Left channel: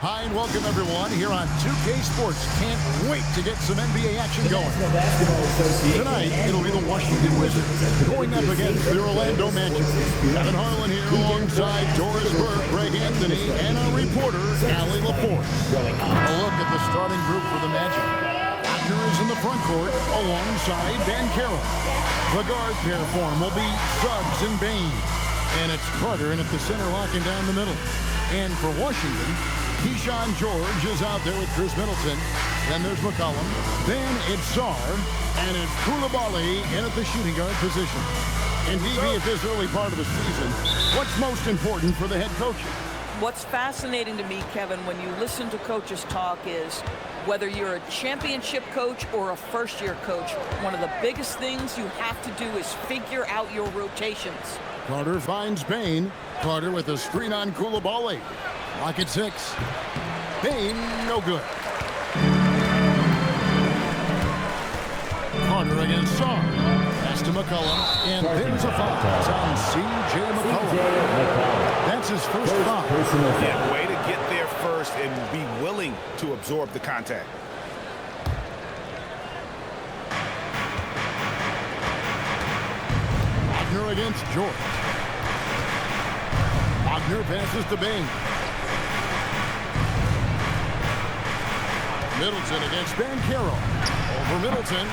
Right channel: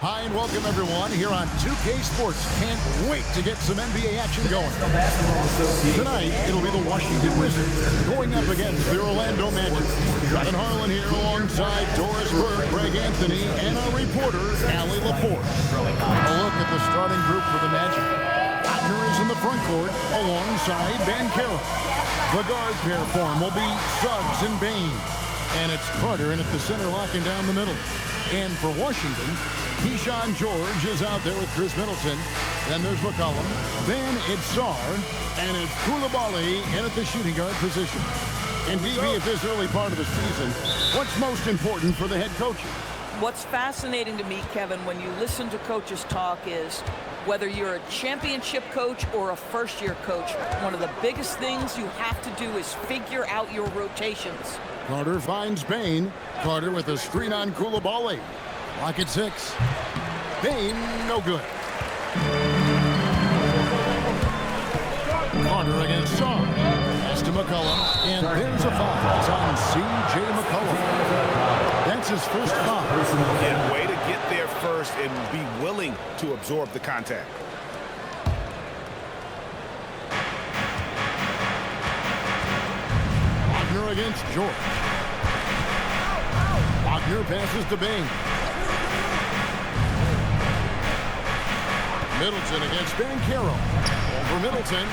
Hi and welcome everyone here on 2K Sports. Can't wait to get some NBA action going. Tonight, it'll be the Washington Wizards going up against the Orlando Magic. Kevin Harlan here alongside Doris Burke, Greg Anthony, and our reporter, Allie LaForce. A look at the starting group for the Magic. Wagner is in the front court alongside Banchero. The guard pair form will be Suggs and Bain. And it's Carter in at the center locking down the middle. And for Washington, Keyshawn George is out there with Chris Middleton. Then there's McCollum. Then it's Sarr. And it's Koulibaly in at the shooting guard position. And DB, at this early part of the season, what's most important for the head coaches? What's fascinating to me, Kevin, when you listen to coaches talk is whether you're a championship coach or a first-year coach, one of the biggest things you have to do is figure out your rotations. Carter finds Bain. Carter with a screen on Koulibaly. Lock at 6. Bain, no good. Carter against Sarr. Pass to McCollum, and there's a foul. It's on C.J. McCollum. That's his first foul. Yeah, way to get there first and be willing to absorb the contact. Wagner against George. Wagner passes to Bain. Middleton against Banchero. Over Middleton.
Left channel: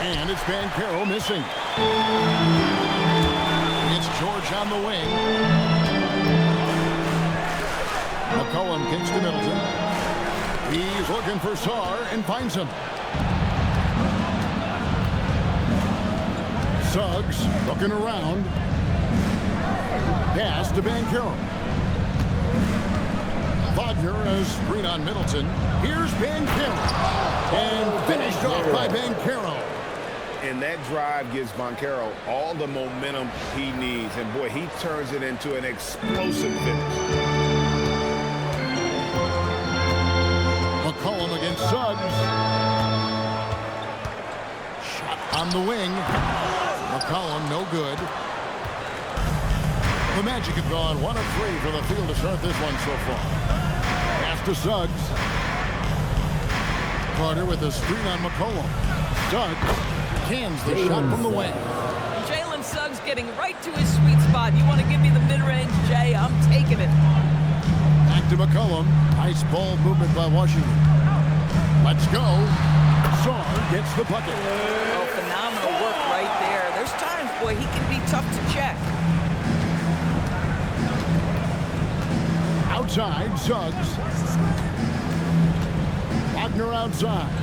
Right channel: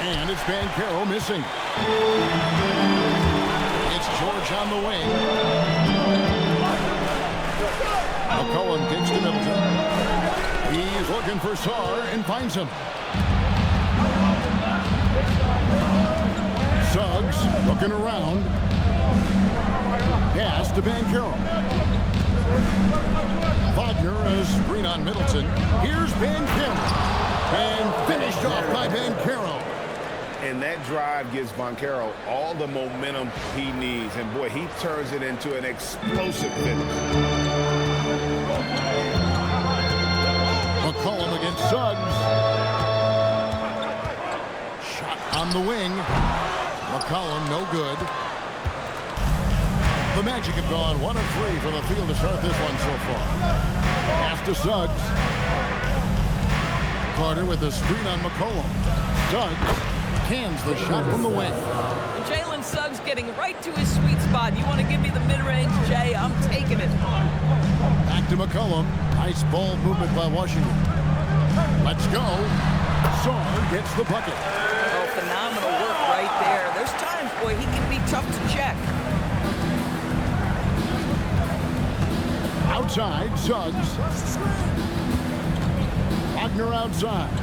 And it's Banchero missing. It's George on the wing. McCollum kicks to Middleton. He's looking for Sarr and finds him. Suggs looking around. Pass to Banchero. Wagner has screen on Middleton. Here's Banchero. And finished off by Banchero. And that drive gives Banchero all the momentum he needs. And, boy, he turns it into an explosive finish. McCollum against Suggs. Shot on the wing. McCollum, no good. The Magic have gone 1 of 3 from the field to start this one so far. Pass to Suggs. Carter with a screen on McCollum. Suggs cans the shot from the wing. And Jalen Suggs getting right to his sweet spot. You want to give me the mid-range, Jay? I'm taking it. Back to McCollum. Nice ball movement by Washington. Let's go. Sarr gets the bucket. Oh, phenomenal work right there. There's times, boy, he can be tough to check. Outside, Suggs. Wagner outside.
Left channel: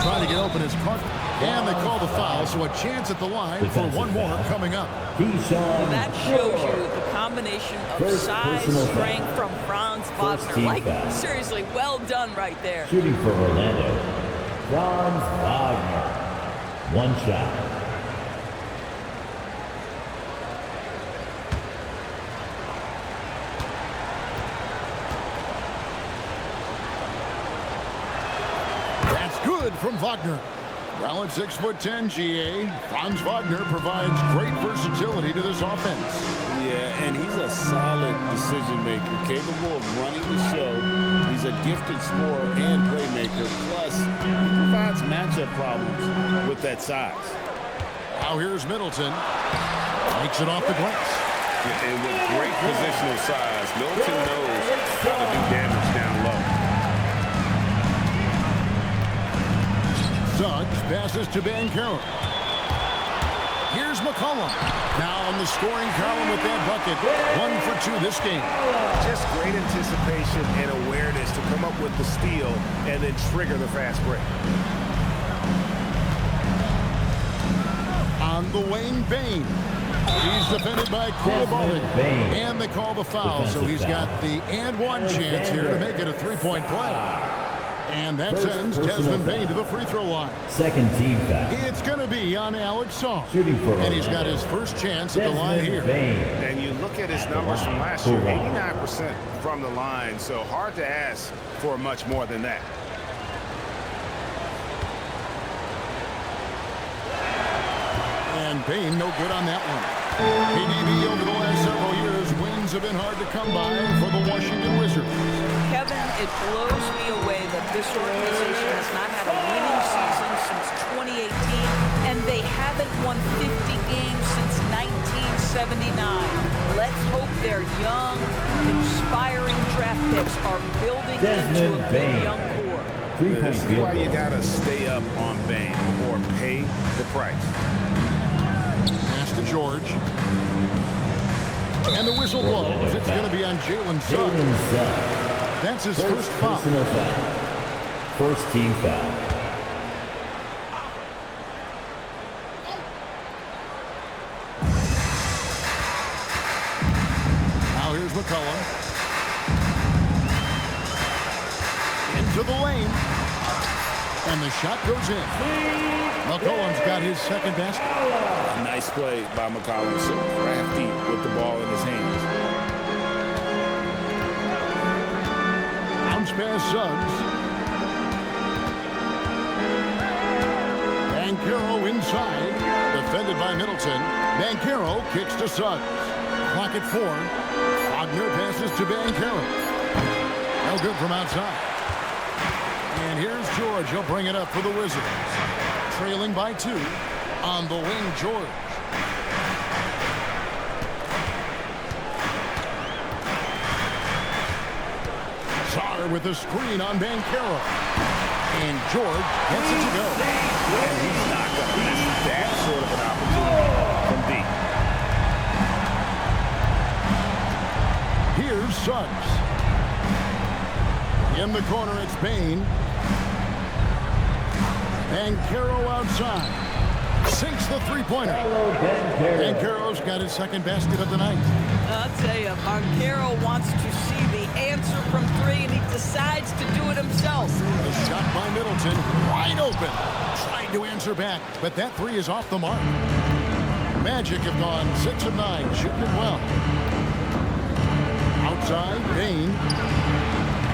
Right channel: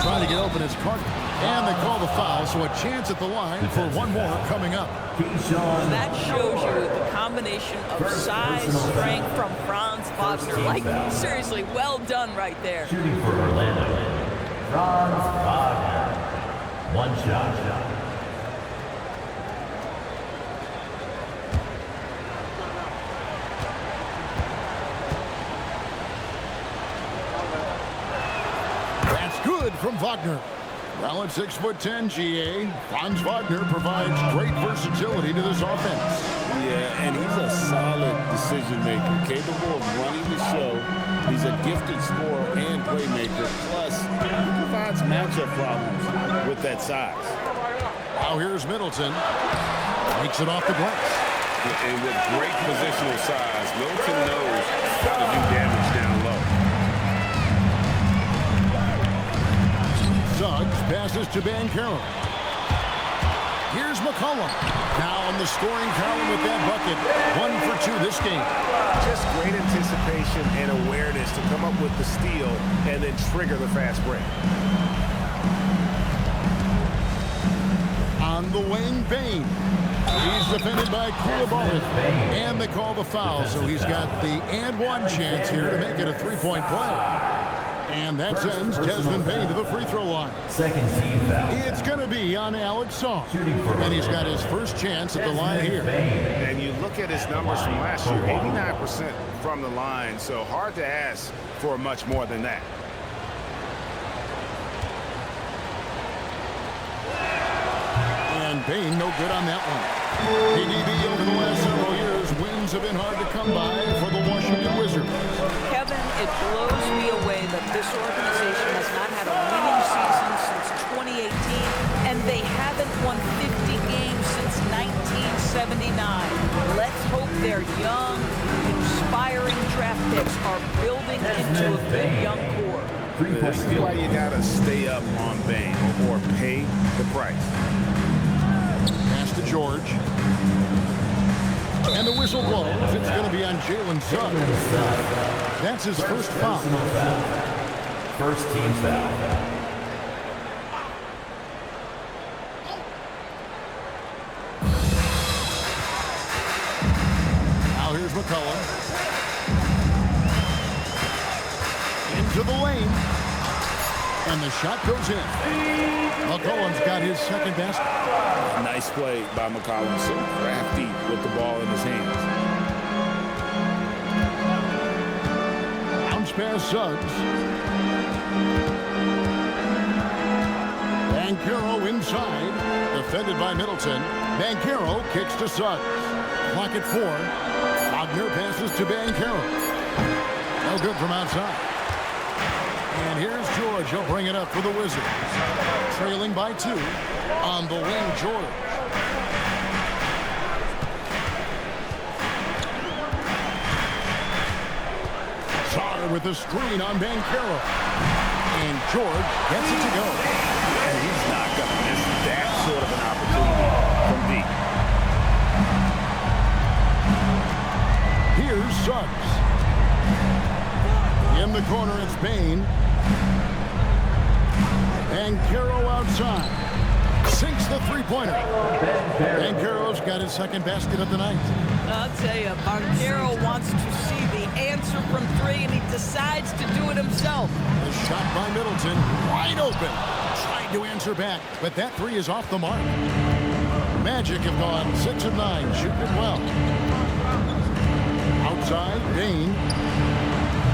Trying to get open is Carter. And they call the foul, so a chance at the line for one more coming up. That shows you the combination of size, strength from Franz Wagner. Like, seriously, well done right there. Shooting for Orlando, Franz Wagner. One shot. That's good from Wagner. Well, at 6'10", GA, Franz Wagner provides great versatility to this offense. Yeah, and he's a solid decision maker, capable of running the show. He's a gifted scorer and playmaker. Plus, he provides matchup problems with that size. Now here's Middleton. Makes it off the glass. Yeah, and with great positional size, Middleton knows how to do damage down low. Suggs passes to Banchero. Here's McCollum. Now on the scoring column with that bucket. 1 for 2 this game. Just great anticipation and awareness to come up with the steal and then trigger the fast break. On the wing, Bain. He's defended by Koulibaly. And they call the foul, so he's got the and one chance here to make it a three-point play. And that sends Desmond Bain to the free throw line. Second team foul. It's going to be on Alex Sarr. Shooting for And he's got his first chance at the line here. And you look at his numbers from last year, 89% from the line, so hard to ask for much more than that. And Bain no good on that one. PDB over the last several years wins have been hard to come by for the Washington Wizards. Kevin, it blows me away that this organization has not had a winning season since 2018, and they haven't won 50 games since 1979. Let's hope their young, inspiring draft picks are building into a good young core. This is why you got to stay up on Bane or pay the price. Pass to George. And the whistle blows. It's going to be on Jalen Suggs. That's his first foul. First team foul. Now here's McCollum. Into the lane. And the shot goes in. McCollum's got his second basket. Nice play by McCollum. So crafty with the ball in his hands. Bounce pass Suggs. Banchero inside. Defended by Middleton. Banchero kicks to Suggs. Clock at 4. Wagner passes to Banchero. No good from outside. And here's George. He'll bring it up for the Wizards. Trailing by 2. On the wing, George. Sarr with a screen on Banchero. And George gets it to go. And he's not going to miss that sort of an opportunity from deep. Here's Suggs. In the corner, it's Bane. Banchero outside. Sinks the three-pointer. Banchero's got his second basket of the night. I'll tell you, Banchero wants to see the answer from 3, and he decides to do it himself. The shot by Middleton, wide open. Tried to answer back, but that 3 is off the mark. Magic have gone 6 of 9, shooting it well. Outside, Bane.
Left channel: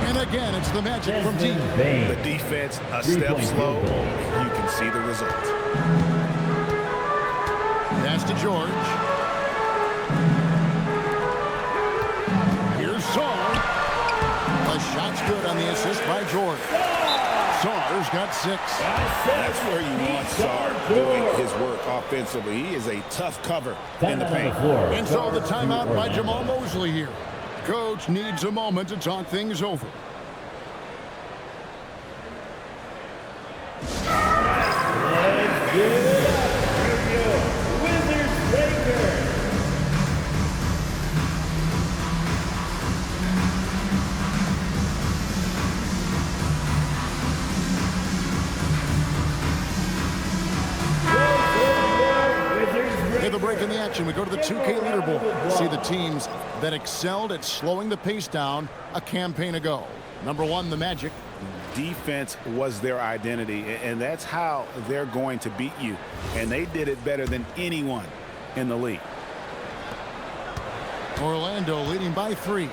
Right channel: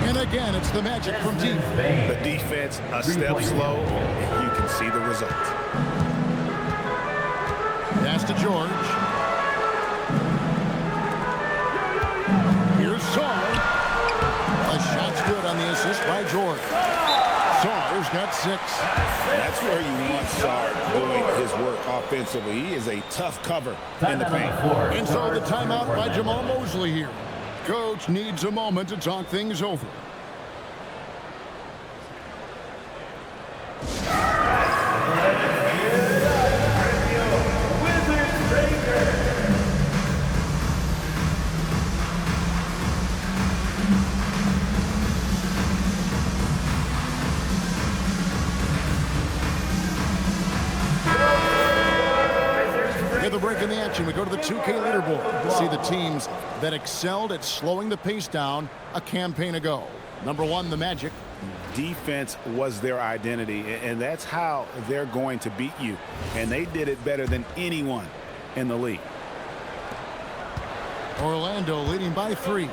And again, it's the Magic from deep. The defense a step slow, and you can see the result. Pass to George. Here's Sarr. The shot's good on the assist by George. Sarr's got 6. That's where you want Sarr doing his work offensively. He is a tough cover in the paint. And so the timeout by Jamal Mosley here. Coach needs a moment to talk things over. At the break in the action, we go to the 2K leaderboard. See the teams that excelled at slowing the pace down a campaign ago. Number 1, the Magic. Defense was their identity, and that's how they're going to beat you. And they did it better than anyone in the league. Orlando leading by 3.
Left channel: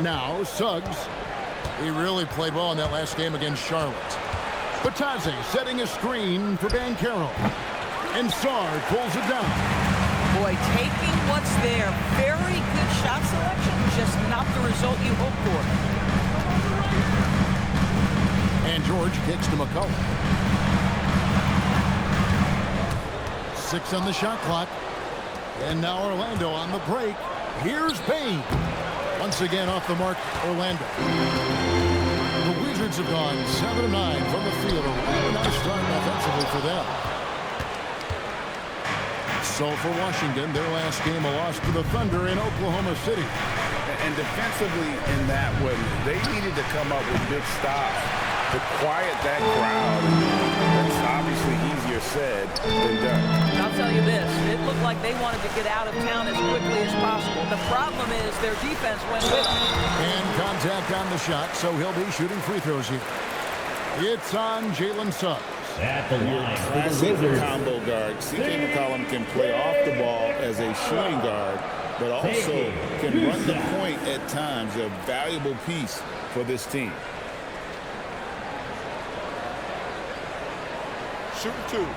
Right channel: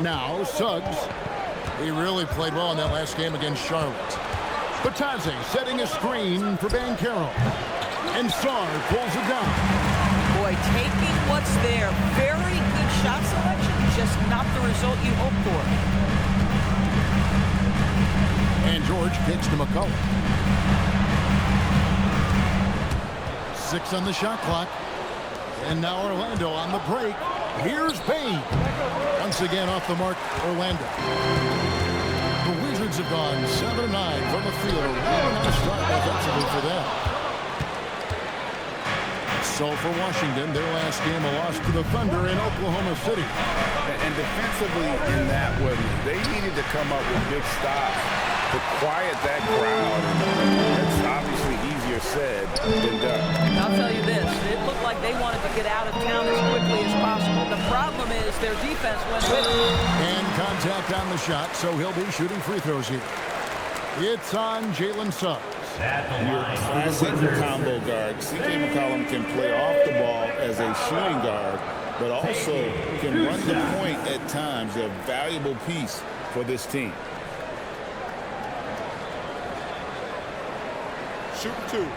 Now, Suggs. He really played well in that last game against Charlotte. Batazzi setting a screen for Banchero. And Sarr pulls it down. Boy, taking what's there. Very good shot selection, just not the result you hope for. And George kicks to McCollum. 6 on the shot clock. And now Orlando on the break. Here's Bane. Once again off the mark, Orlando. The Wizards have gone 7 of 9 from the field. A really nice start offensively for them. So for Washington, their last game a loss to the Thunder in Oklahoma City. And defensively in that one, they needed to come up with big stops to quiet that crowd. And that's obviously easier said than done. I'll tell you this, it looked like they wanted to get out of town as quickly as possible. The problem is their defense went with them. And contact on the shot, so he'll be shooting free throws here. It's on Jalen Suggs. At the Your line, classic combo guard. C.J. McCollum can play off the ball as a shooting guard, but also can run the point at times. A valuable piece for this team. Shooting 2.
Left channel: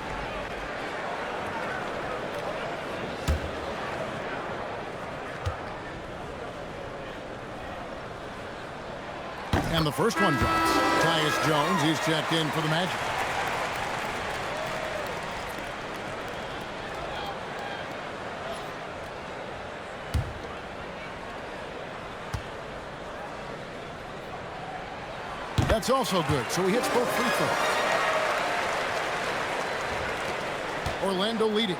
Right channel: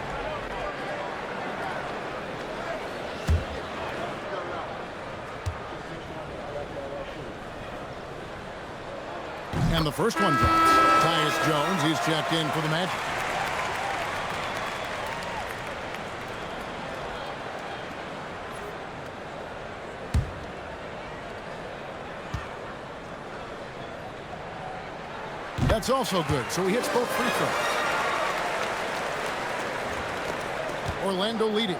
And the first one drops. Tyus Jones, he's checked in for the Magic. That's also good, so he hits both free throws. Orlando leading.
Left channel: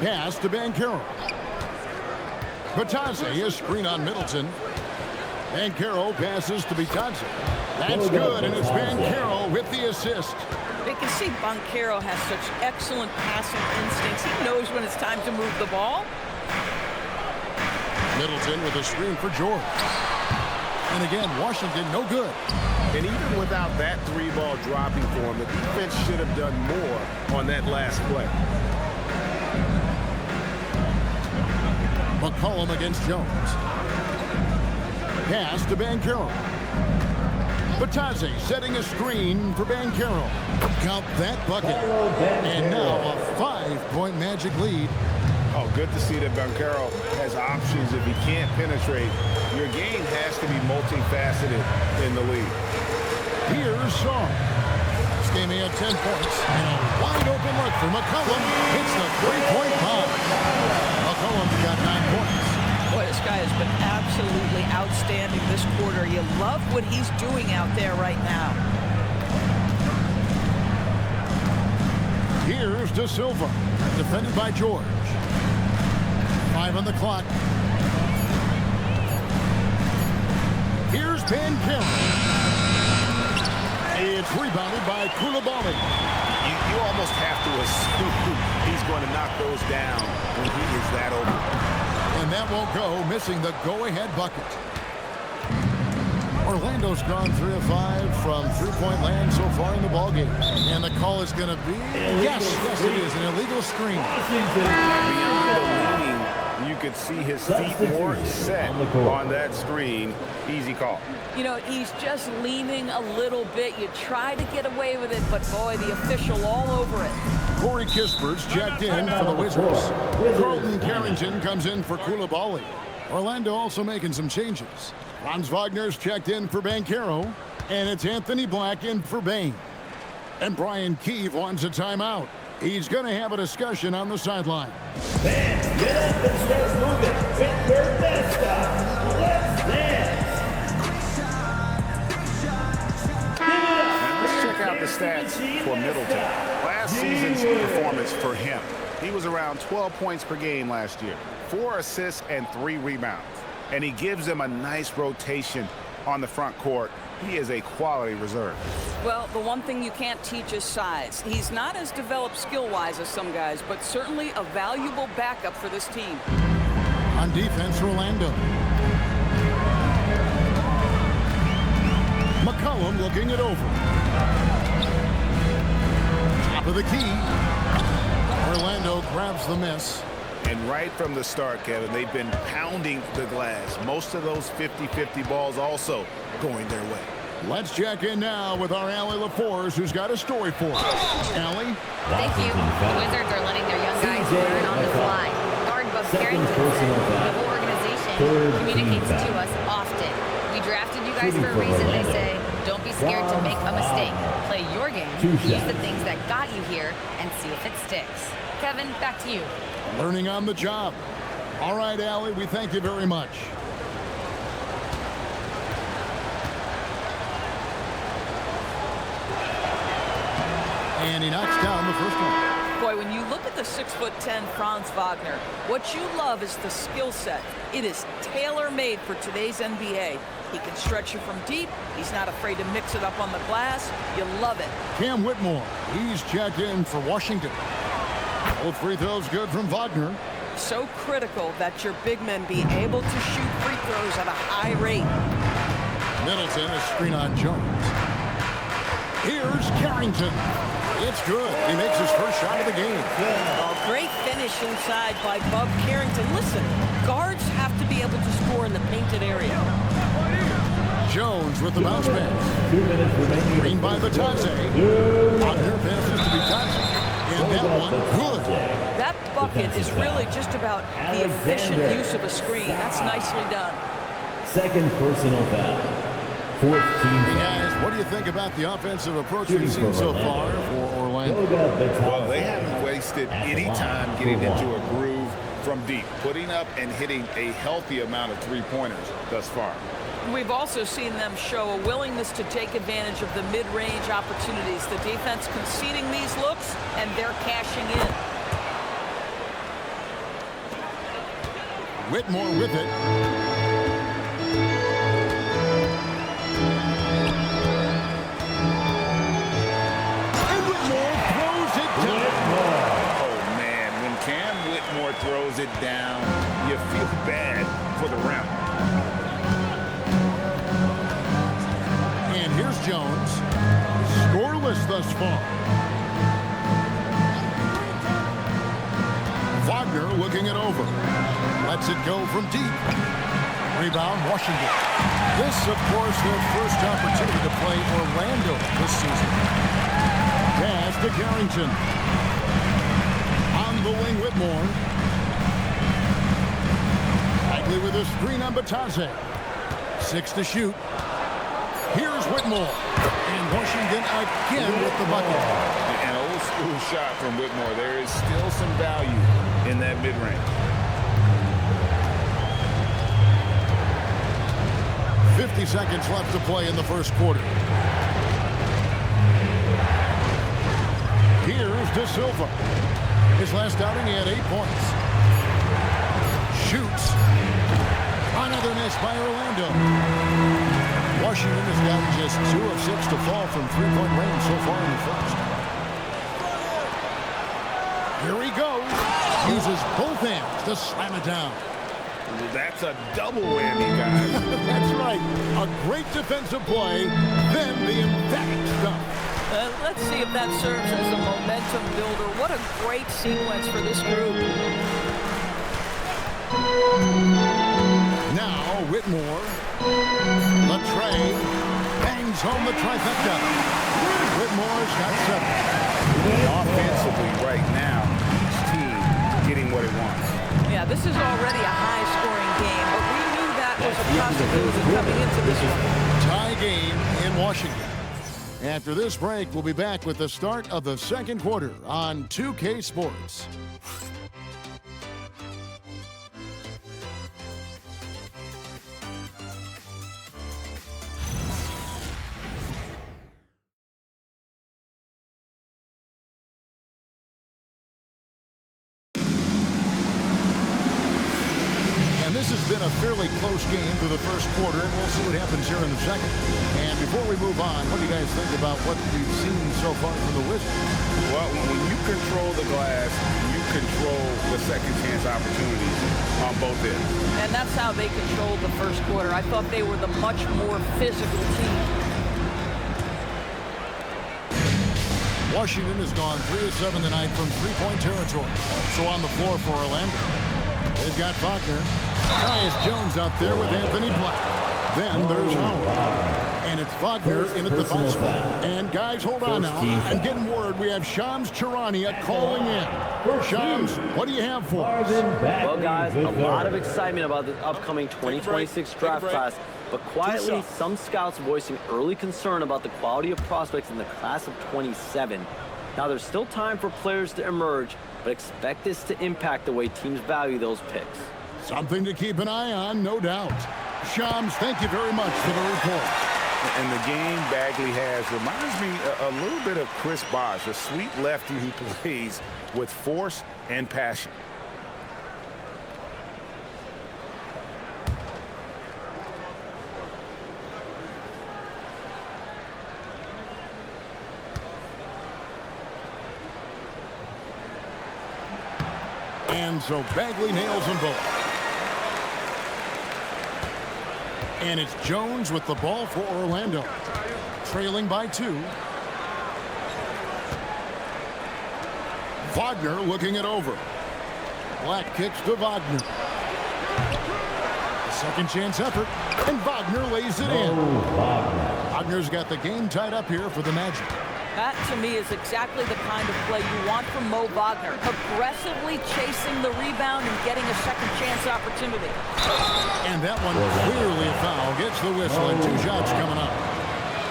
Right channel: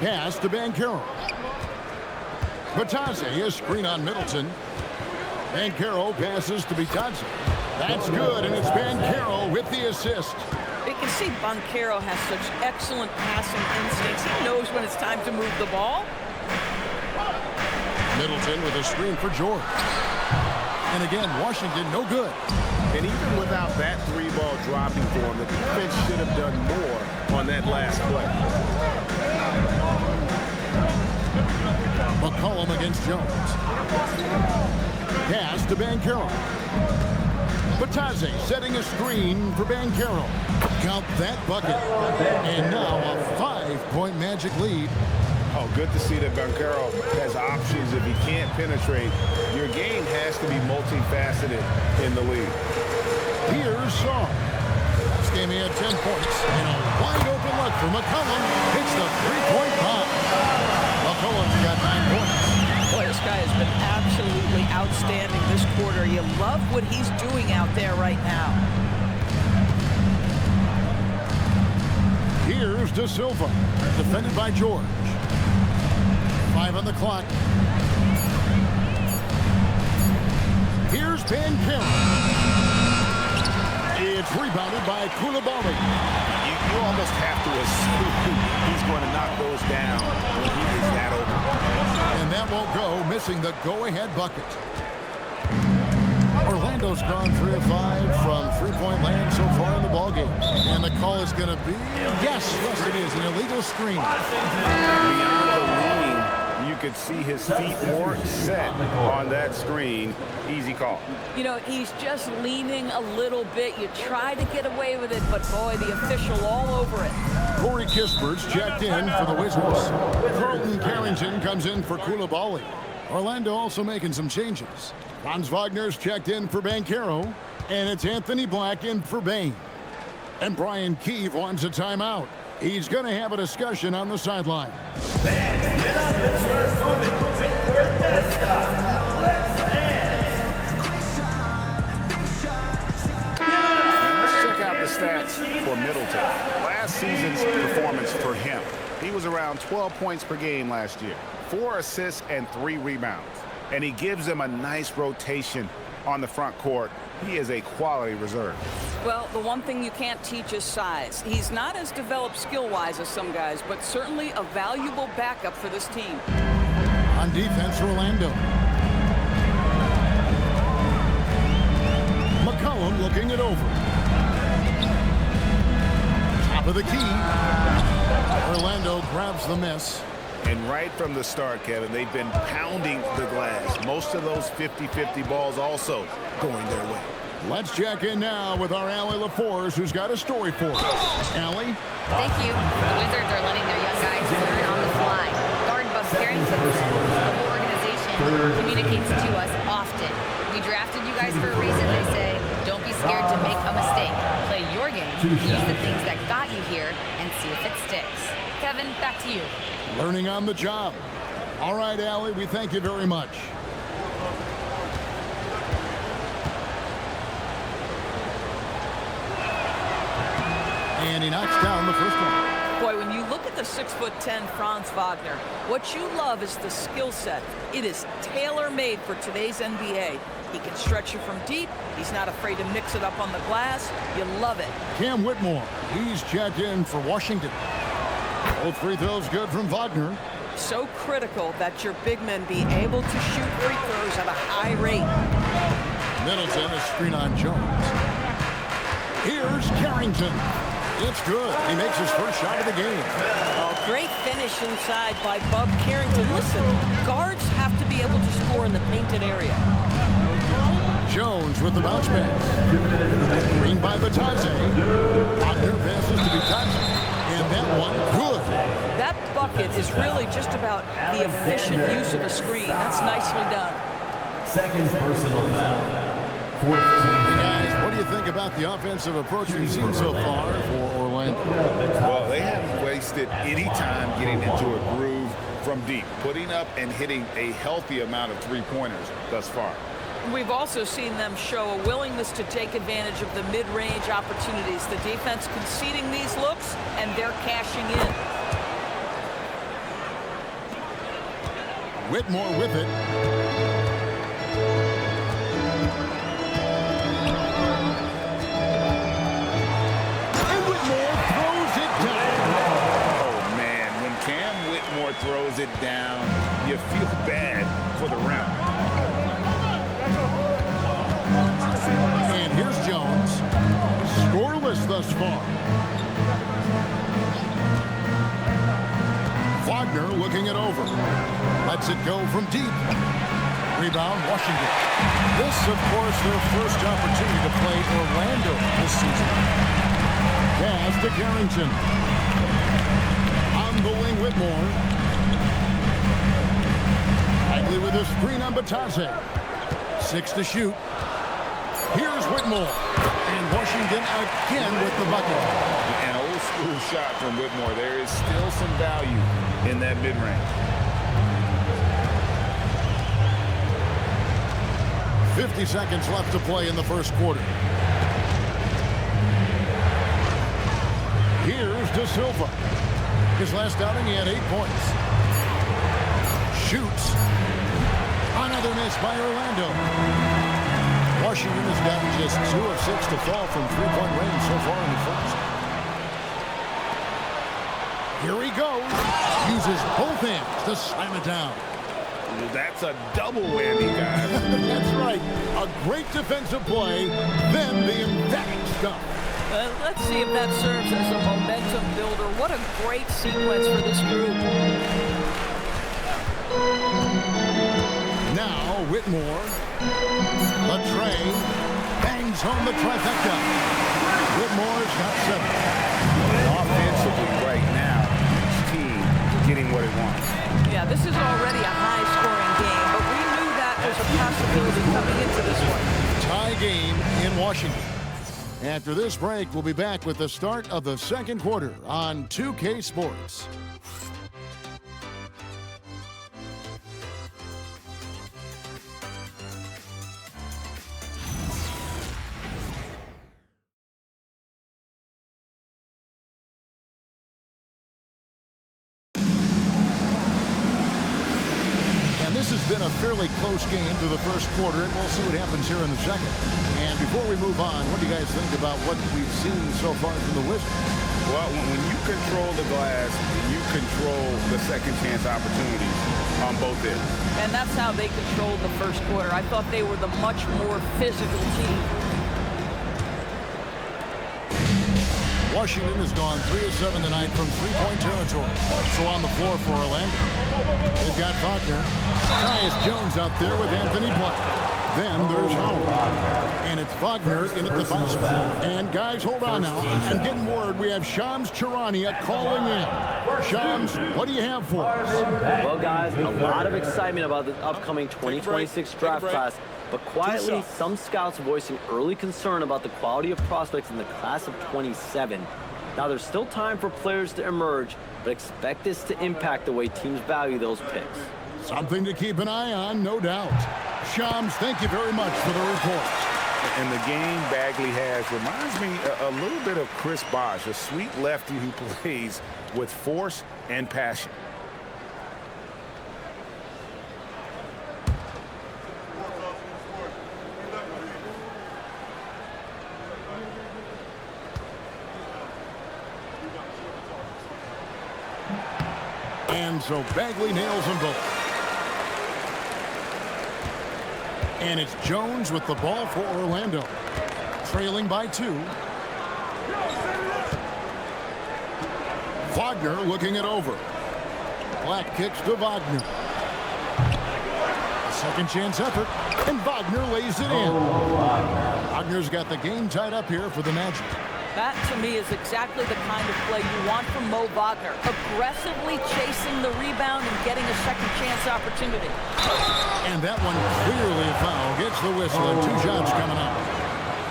Pass to Banchero. Batadze, a screen on Middleton. Banchero passes to Batadze. That's good, and it's Banchero with the assist. You can see Banchero has such excellent passing instincts. He knows when it's time to move the ball. Middleton with a screen for George. And again, Washington no good. And even without that three-ball dropping for him, the defense should have done more on that last play. McCollum against Jones. Pass to Banchero. Batadze setting a screen for Banchero. Count that bucket. And now a 5-point Magic lead. Oh, good to see that Banchero has options if he can't penetrate. Your game has to be multifaceted in the league. Here's Song. Last game he had 10 points. And a wide open look for McCollum. Hits the three-point bomb. McCollum's got 9 points. Boy, this guy has been absolutely outstanding this quarter. You love what he's doing out there right now. Here's De Silva. Defended by George. 5 on the clock. Here's Banchero. It's rebounded by Koulibaly. You almost have to assume he's going to knock those down when he is that open. And that won't go, missing the go-ahead bucket. Orlando's gone 3 of 5 from three-point land so far in the ballgame. And the call is going to be, yes, it is, an illegal screen. Beyond the leaning, you could see his feet more set on that screen. Easy call. You know, he's just leaning a little bit. You try to get away with it, but boy, the official all over it. Corey Kispert's checked in for the Wizards. Carlton Carrington comes in for Koulibaly. Orlando also making some changes. Franz Wagner's checked in for Banchero, and it's Anthony Black in for Bain. And Brian Keefe wants a timeout. He's going to have a discussion on the sideline. Fans, get up and start moving. And let's check out the stats for Middleton. Last season's performance for him. He was around 12 points per game last year, 4 assists and 3 rebounds. And he gives them a nice rotation on the front court. He is a quality reserve. Well, the one thing you can't teach is size. He's not as developed skill-wise as some guys, but certainly a valuable backup for this team. On defense, Orlando. McCollum looking it over. Top of the key. Orlando grabs the miss. And right from the start, Kevin, they've been pounding the glass. Most of those 50-50 balls also going their way. Let's check in now with our Allie LaForce, who's got a story for us. Allie? Thank you. The Wizards are letting their young guys learn on the fly. Guard Bub Carrington said the whole organization communicates to us often. We drafted you guys for a reason, they say. Don't be scared to make a mistake. Play your game, use the things that got you here, and see if it sticks. Kevin, back to you. Learning on the job. All right, Allie, we thank you very much. And he knocks down the first one. Boy, when you look at the 6'10" Franz Wagner, what you love is the skill set. It is tailor-made for today's NBA. He can stretch you from deep. He's not afraid to mix it up on the glass. You love it. Cam Whitmore, he's checked in for Washington. Both free throws good from Wagner. So critical that your big men be able to shoot free throws at a high rate. Middleton, a screen on Jones. Here's Carrington. It's good. He makes his first shot of the game. Oh, great finish inside by Bub Carrington. Listen, guards have to be able to score in the painted area. Jones with the bounce pass. Green by Batadze. Wagner passes to Batadze. And that one, good. That bucket is really just about the efficient use of a screen. That's nicely done. Second personal foul. Fourth team. Hey guys, what do you think about the offensive approach we've seen so far for Orlando? Well, they haven't wasted any time getting into a groove from deep, putting up and hitting a healthy amount of three-pointers thus far. We've also seen them show a willingness to take advantage of the mid-range opportunities. The defense conceding these looks, and they're cashing in. Whitmore with it. And Whitmore throws it down. Oh, man, when Cam Whitmore throws it down, you feel bad for the rim. And here's Jones. Scoreless thus far. Wagner looking it over. Lets it go from deep. Rebound, Washington. This, of course, their first opportunity to play Orlando this season. Pass to Carrington. On the wing, Whitmore. Bagley with a screen on Batase. 6 to shoot. Here's Whitmore. And Washington again with the bucket. An old school shot from Whitmore. There is still some value in that mid-range. 50 seconds left to play in the first quarter. Here's De Silva. His last outing, he had 8 points. Shoots. Another miss by Orlando. Washington has gotten just 2 of 6 to fall from three-point range so far in the first. Here he goes. Uses both hands to slam it down. That's a double whammy, guys. That's right. A great defensive play, then the emphatic stuff. Let's see if that serves as a momentum builder. What a great sequence for this group. Now Whitmore. Latre bangs home the trifecta. Whitmore's got 7. And offensively right now, each team getting what it wants. Yeah, this is already a high-scoring game, but we knew that was a possibility coming into this one. Tie game in Washington. After this break, we'll be back with the start of the second quarter on 2K Sports. And this has been a fairly close game through the first quarter, and we'll see what happens here in the second. And before we move on, what do you guys think about what we've seen so far from the Wizards? Well, when you control the glass, you control the second chance opportunities on both ends. And that's how they controlled the first quarter. I thought they were the much more physical team. Washington has gone 3 of 7 tonight from three-point territory. So on the floor for Orlando, they've got Wagner. Tyus Jones out there with Anthony Black. Then there's Howard. And it's Wagner in at the 5 spot. And guys, hold on now. I'm getting word we have Shams Charania calling in. Shams, what do you have for us? Well, guys, a lot of excitement about the upcoming 2026 draft class. But quietly, some scouts voicing early concern about the quality of prospects in the class of 27. Now, there's still time for players to emerge, but expect this to impact the way teams value those picks. Something to keep an eye on, no doubt. Shams, thank you very much for the report. And the game Bagley has reminds me a little bit of Chris Bosh, a sweet lefty who plays with force and passion. And so Bagley nails them both. And it's Jones with the ball for Orlando. Trailing by 2. Wagner looking it over. Black kicks to Wagner. A second chance effort. And Wagner lays it in. Wagner's got the game tied up here for the Magic. That, to me, is exactly the kind of play you want from Mo Wagner. Aggressively chasing the rebound and getting a second chance opportunity. And that one clearly a foul. Gets the whistle and 2 shots coming up.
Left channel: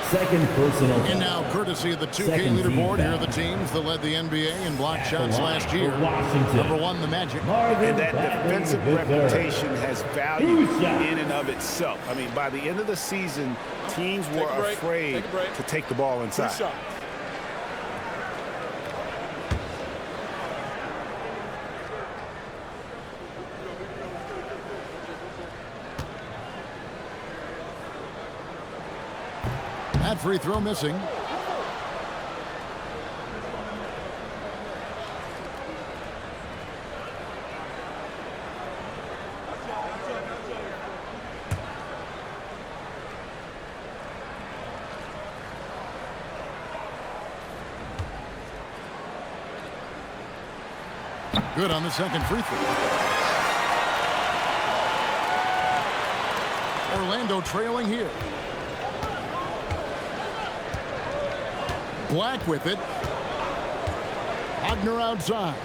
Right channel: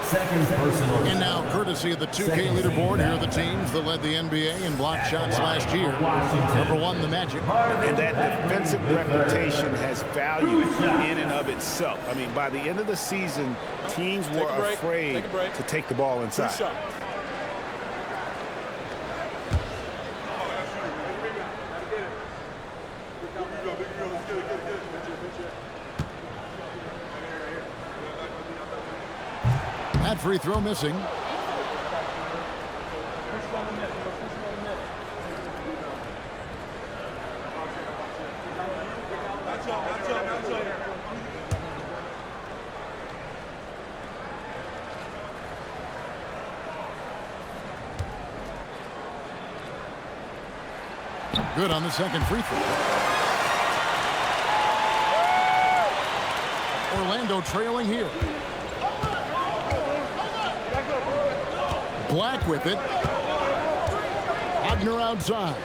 Second personal. And now, courtesy of the 2K leaderboard, here are the teams that led the NBA in block shots last year. Number 1, the Magic. And that defensive reputation has value in and of itself. I mean, by the end of the season, teams were afraid to take the ball inside. That free throw missing. Good on the second free throw. Orlando trailing here. Black with it. Wagner outside.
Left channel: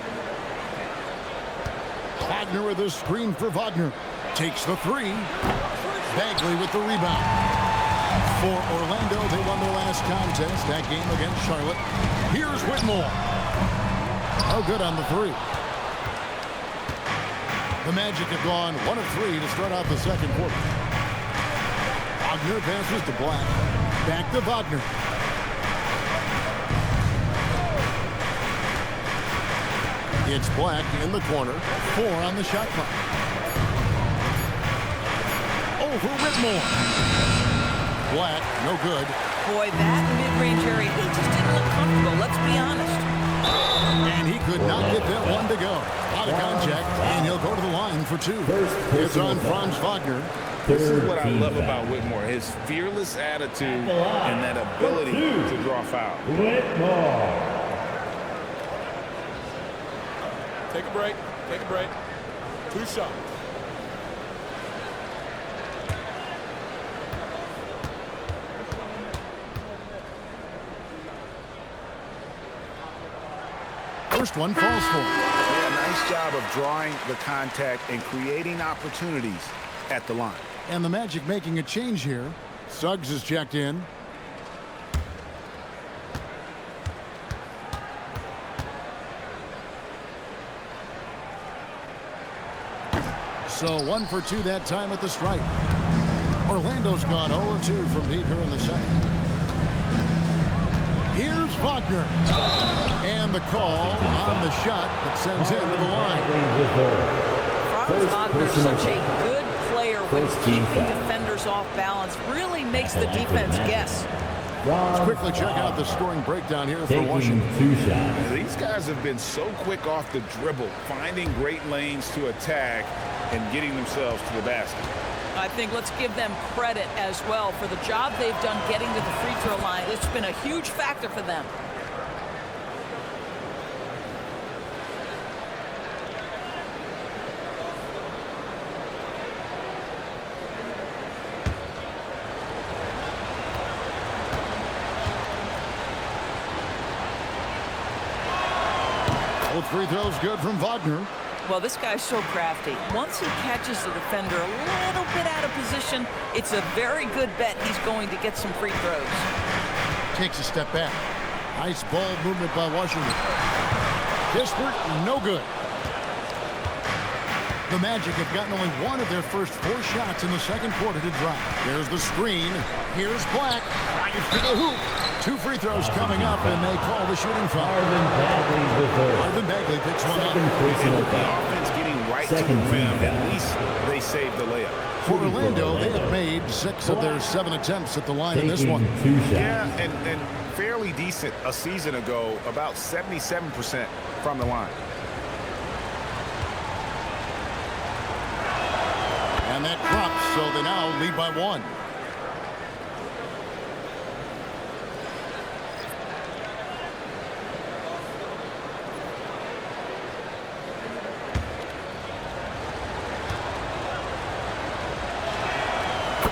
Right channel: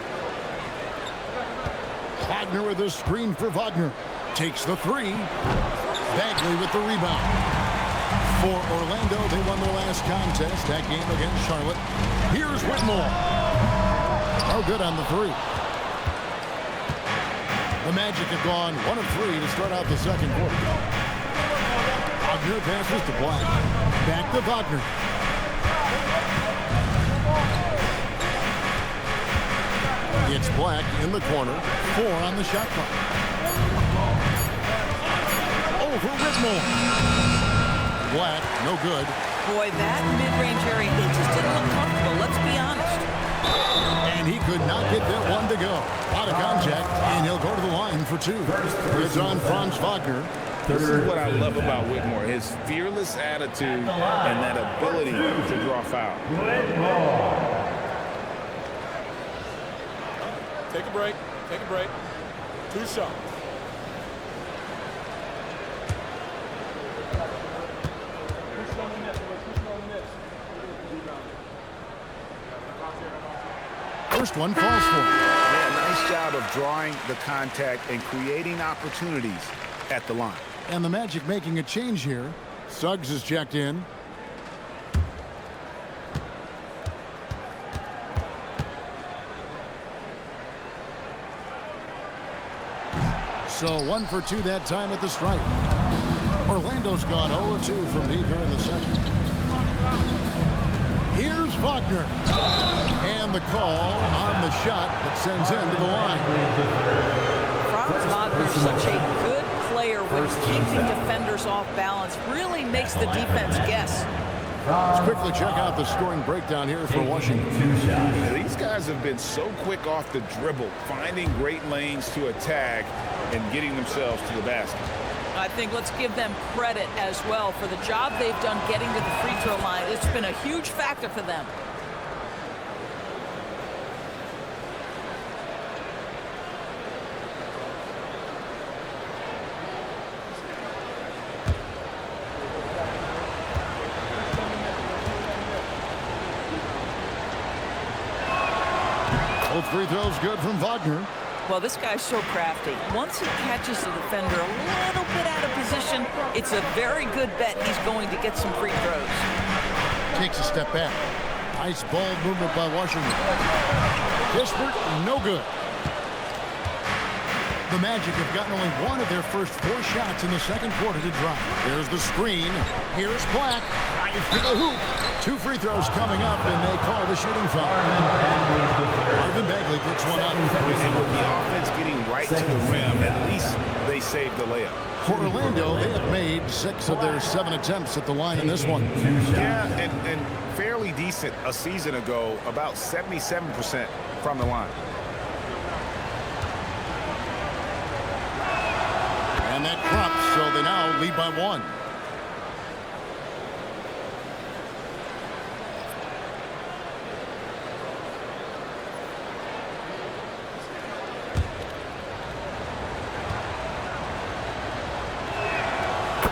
Wagner with a screen for Wagner. Takes the 3. Bagley with the rebound. For Orlando, they won their last contest, that game against Charlotte. Here's Whitmore. No good on the 3. The Magic have gone 1 of 3 to start out the second quarter. Wagner passes to Black. Back to Wagner. It's Black in the corner. 4 on the shot clock. Over Whitmore. Black, no good. Boy, that mid-range area, he just didn't look comfortable, let's be honest. And he could not get that one to go. A lot of contact, and he'll go to the line for 2. It's on Franz Wagner. This is what I love about Whitmore, his fearless attitude and that ability to draw foul. Whitmore. Take a break. Take a break. 2 shots. First one falls for him. Yeah, nice job of drawing the contact and creating opportunities at the line. And the Magic making a change here. Suggs is checked in. So 1 for 2 that time at the stripe. Orlando's gone 0-2 from deep here in the second. Here's Wagner. And the call on the shot that sends him to the line. Franz Wagner's such a good player when keeping defenders off balance. Really makes the defense guess. Let's quickly check out the scoring breakdown here for Washington. 2 shots. These guys have been so quick off the dribble, finding great lanes to attack and getting themselves to the basket. I think let's give them credit as well for the job they've done getting to the free throw line. It's been a huge factor for them. Both free throws good from Wagner. Well, this guy's so crafty. Once he catches the defender a little bit out of position, it's a very good bet he's going to get some free throws. Takes a step back. Nice ball movement by Washington. Kispert, no good. The Magic have gotten only 1 of their first 4 shots in the second quarter to drop. There's the screen. Here's Black. Tries to the hoop. 2 free throws coming up, and they call the shooting foul. Marvin Bagley picks one up. And with the offense getting right to the rim, at least they saved the layup. For Orlando, they have made 6 of their 7 attempts at the line in this one. Yeah, and fairly decent a season ago, about 77% from the line. And that drops, so they now lead by 1.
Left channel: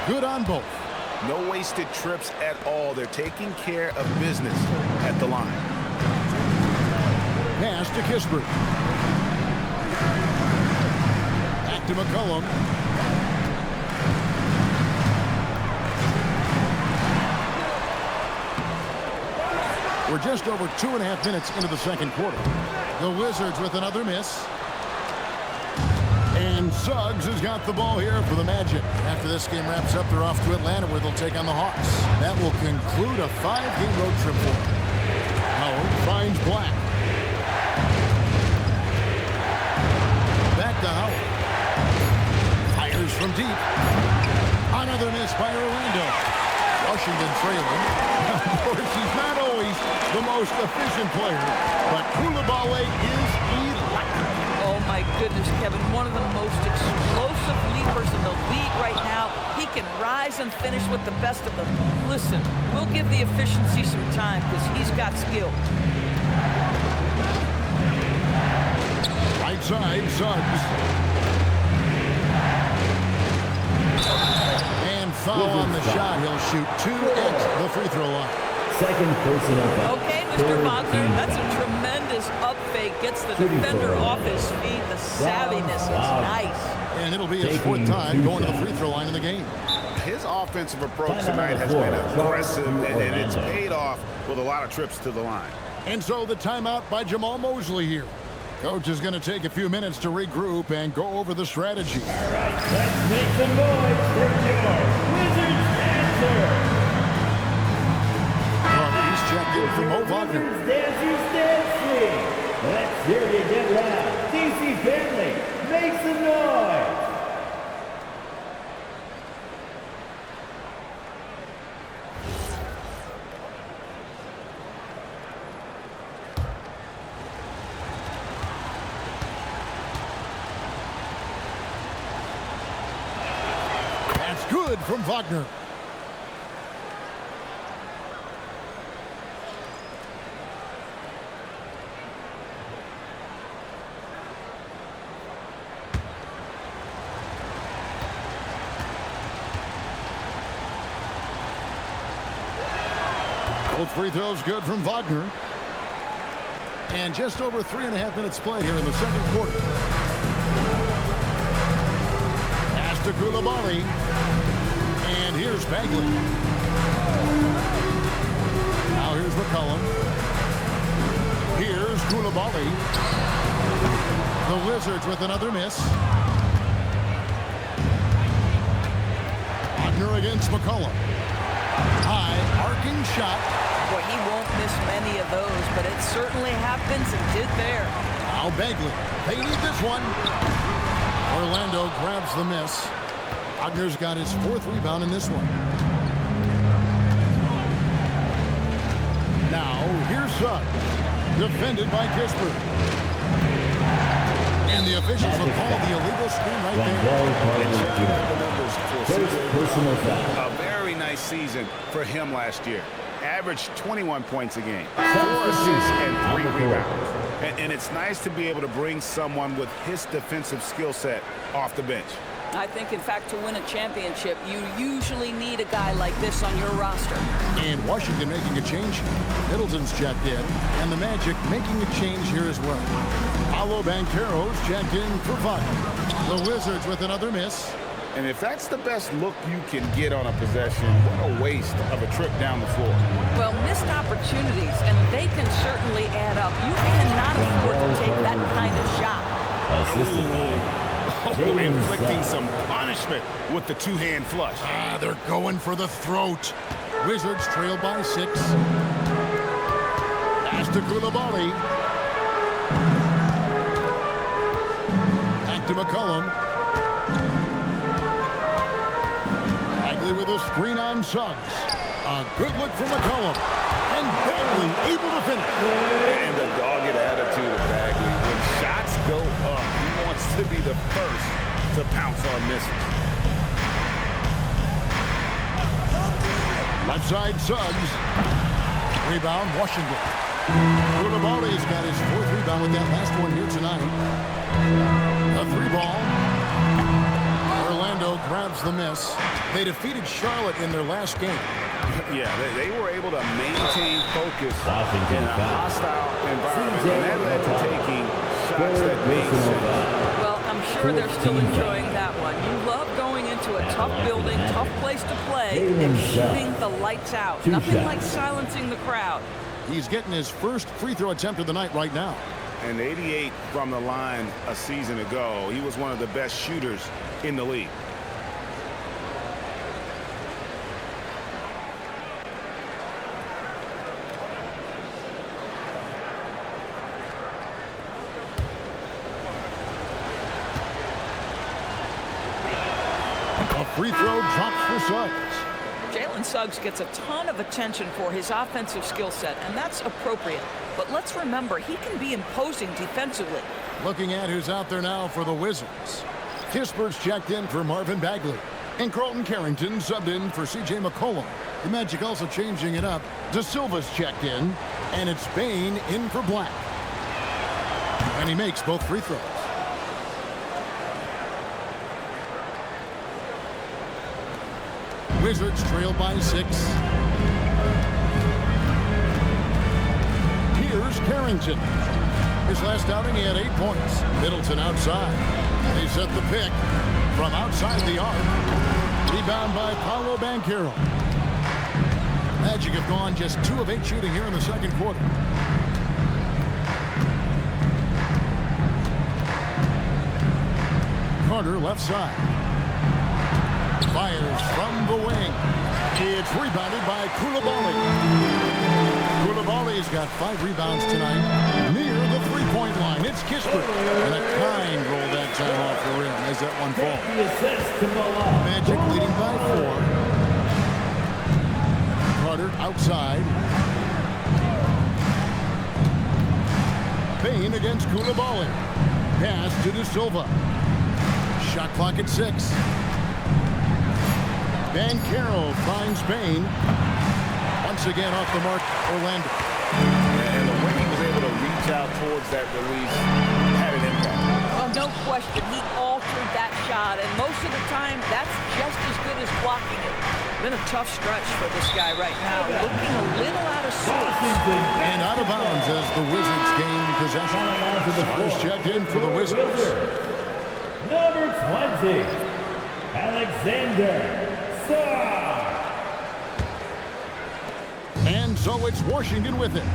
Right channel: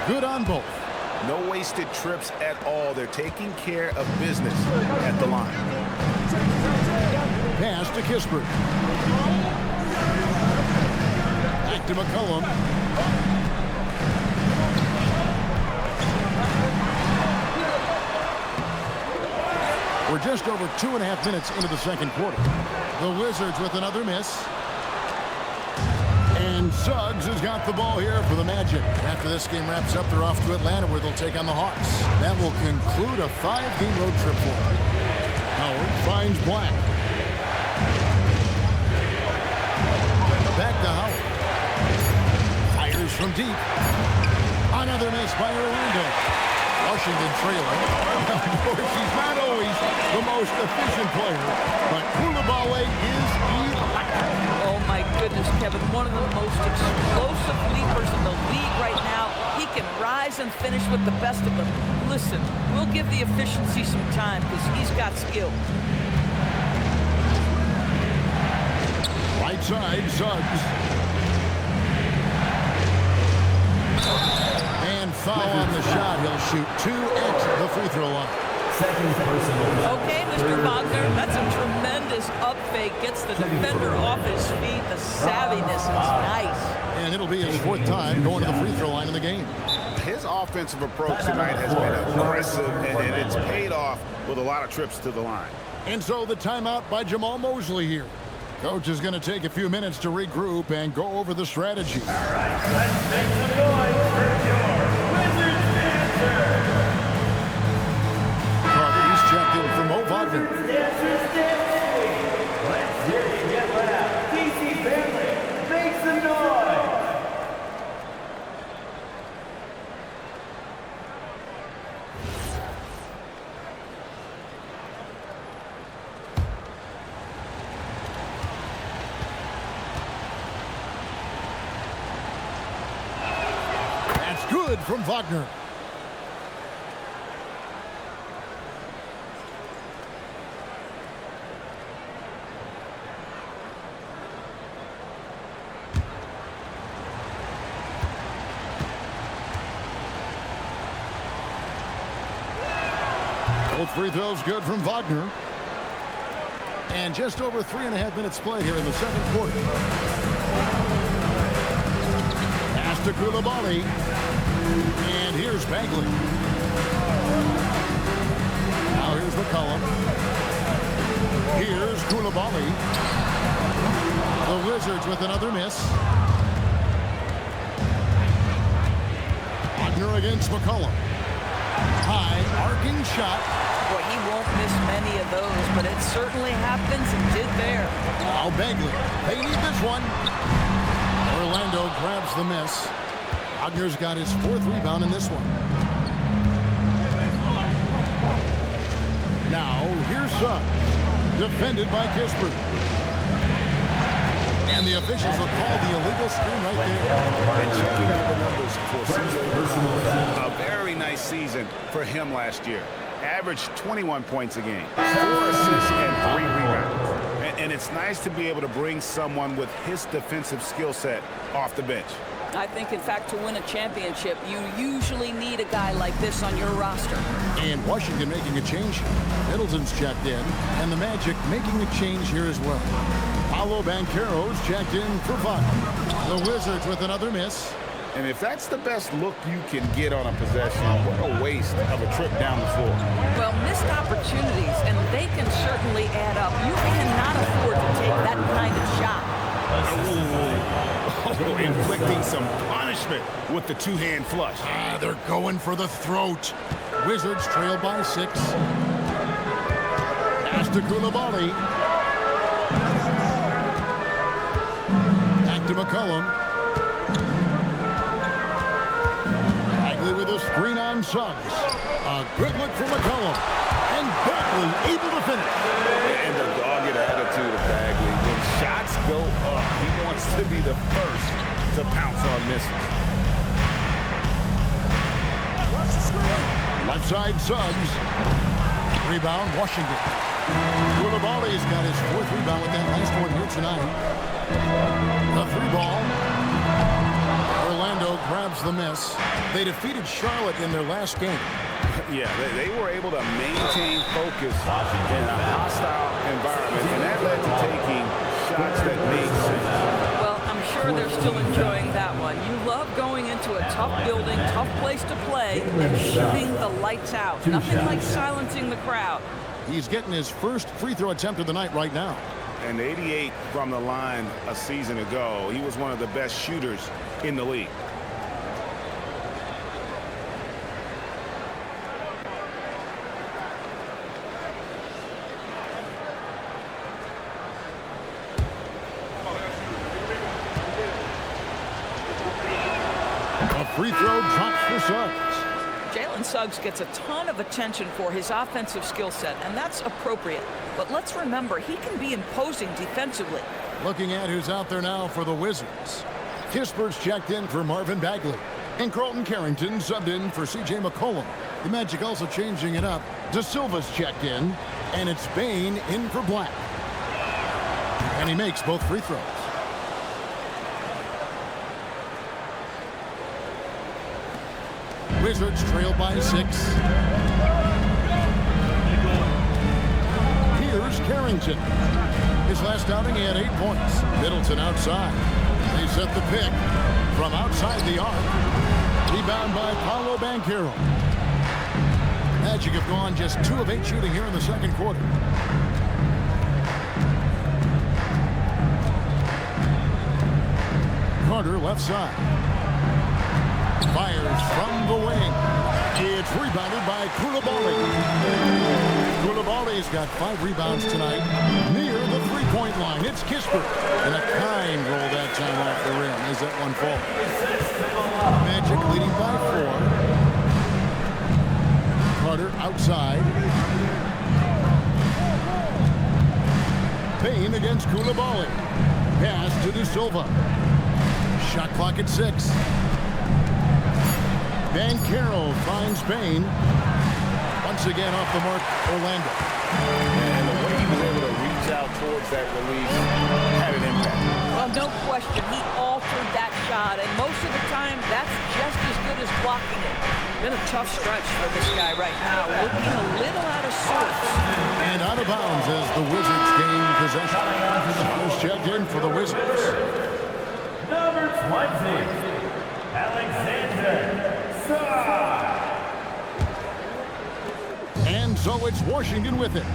Good on both. No wasted trips at all. They're taking care of business at the line. Pass to Kispert. Back to McCollum. We're just over 2.5 minutes into the second quarter. The Wizards with another miss. And Suggs has got the ball here for the Magic. After this game wraps up, they're off to Atlanta where they'll take on the Hawks. That will conclude a 5-game road trip for them. Howard finds Black. Back to Howard. Fires from deep. Another miss by Orlando. Washington trailing. Now, of course, he's not always the most efficient player, but Coulibaly is electric. Oh, my goodness, Kevin. One of the most explosive leapers in the league right now. He can rise and finish with the best of them. Listen, we'll give the efficiency some time because he's got skill. Right side, Suggs. And foul on the shot. He'll shoot 2 at the free throw line. Second personal foul. Okay, Mr. Wagner, that's a tremendous up fake. Gets the defender off his feet. The savviness is nice. And it'll be his 4th time going to the free throw line in the game. His offensive approach tonight has been aggressive, and it's paid off with a lot of trips to the line. And so the timeout by Jamal Mosley here. Coach is going to take a few minutes to regroup and go over the strategy. All right, let's make some noise for your Wizards answer. Carter's checked in for Mo Wagner. Wizards dancers dancing. Let's hear you get loud. DC family, make some noise. That's good from Wagner. Both free throws good from Wagner. And just over 3.5 minutes played here in the second quarter. Pass to Coulibaly. And here's Bagley. Now here's McCollum. Here's Coulibaly. The Wizards with another miss. Wagner against McCollum. High arcing shot. Boy, he won't miss many of those, but it certainly happens and did there. Now Bagley. They need this one. Orlando grabs the miss. Wagner's got his 4th rebound in this one. Now, here's Suggs. Defended by Kispert. And the officials will call the illegal screen right there. And checking out the numbers for CJ. A very nice season for him last year. Averaged 21 points a game, 4 assists and 3 rebounds. And it's nice to be able to bring someone with his defensive skill set off the bench. I think, in fact, to win a championship, you usually need a guy like this on your roster. And Washington making a change here. Middleton's checked in, and the Magic making a change here as well. Paolo Banchero's checked in for Wagner. The Wizards with another miss. And if that's the best look you can get on a possession, what a waste of a trip down the floor. Well, missed opportunities, and they can certainly add up. You cannot afford to take that kind of shot. Oh, inflicting some punishment with the 2-hand flush. They're going for the throat. Wizards trail by 6. Pass to Coulibaly. Back to McCollum. Bagley with a screen on Suggs. A good look from McCollum. And Bagley able to finish. And the dogged attitude of Bagley. When shots go up, he wants to be the first to pounce on misses. Left side, Suggs. Rebound, Washington. Coulibaly's got his 4th rebound with that last one here tonight. A 3 ball. Orlando grabs the miss. They defeated Charlotte in their last game. Yeah, they were able to maintain focus in a hostile environment, and that led to taking shots that made sense. Well, I'm sure they're still enjoying that one. You love going into a tough building, tough place to play, and shooting the lights out. Nothing like silencing the crowd. He's getting his first free throw attempt of the night right now. And 88 from the line a season ago. He was one of the best shooters in the league. A free throw drops for Suggs. Jalen Suggs gets a ton of attention for his offensive skill set, and that's appropriate. But let's remember, he can be imposing defensively. Looking at who's out there now for the Wizards. Kispert's checked in for Marvin Bagley. And Carlton Carrington subbed in for C.J. McCollum. The Magic also changing it up. De Silva's checked in, and it's Bane in for Black. And he makes both free throws. Wizards trail by 6. Here's Carrington. His last outing, he had 8 points. Middleton outside. They set the pick from outside the arc. Rebound by Paolo Banchero. Magic have gone just 2 of 8 shooting here in the second quarter. Carter left side. Fires from the wing. It's rebounded by Koulibaly. Koulibaly's got 5 rebounds tonight near the three-point line. It's Kispert. And a kind roll that time off the rim as that one falls. Magic leading by 4. Carter outside. Bane against Koulibaly. Pass to De Silva. Shot clock at 6. Banchero finds Bane. Once again off the mark, Orlando. And the way he was able to reach out towards that release had an impact. Well, no question, he altered that shot, and most of the time, that's just as good as blocking it. Been a tough stretch for this guy right now, looking a little out of sorts. And out of bounds as the Wizards gain possession. First checked in for the Wizards. Number 20, Alexander. And so it's Washington with it.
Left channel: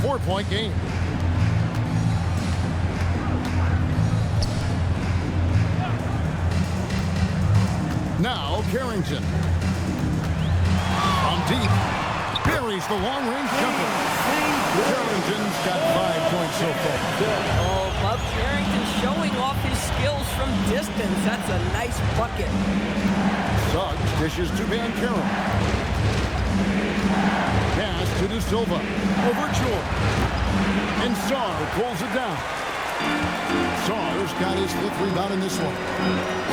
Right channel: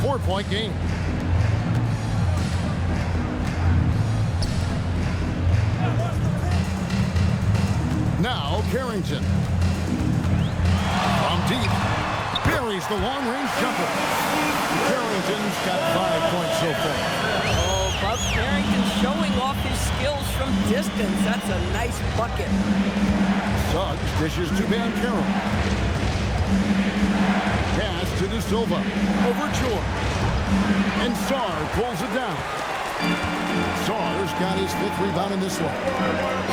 4-point game. Now Carrington. From deep. Buries the long-range jumper. Carrington's got 5 points so far. Oh, Bob Carrington showing off his skills from distance. That's a nice bucket. Suggs dishes to Banchero. Pass to De Silva. Over George. And Sarr pulls it down. Sarr's got his 5th rebound in this one.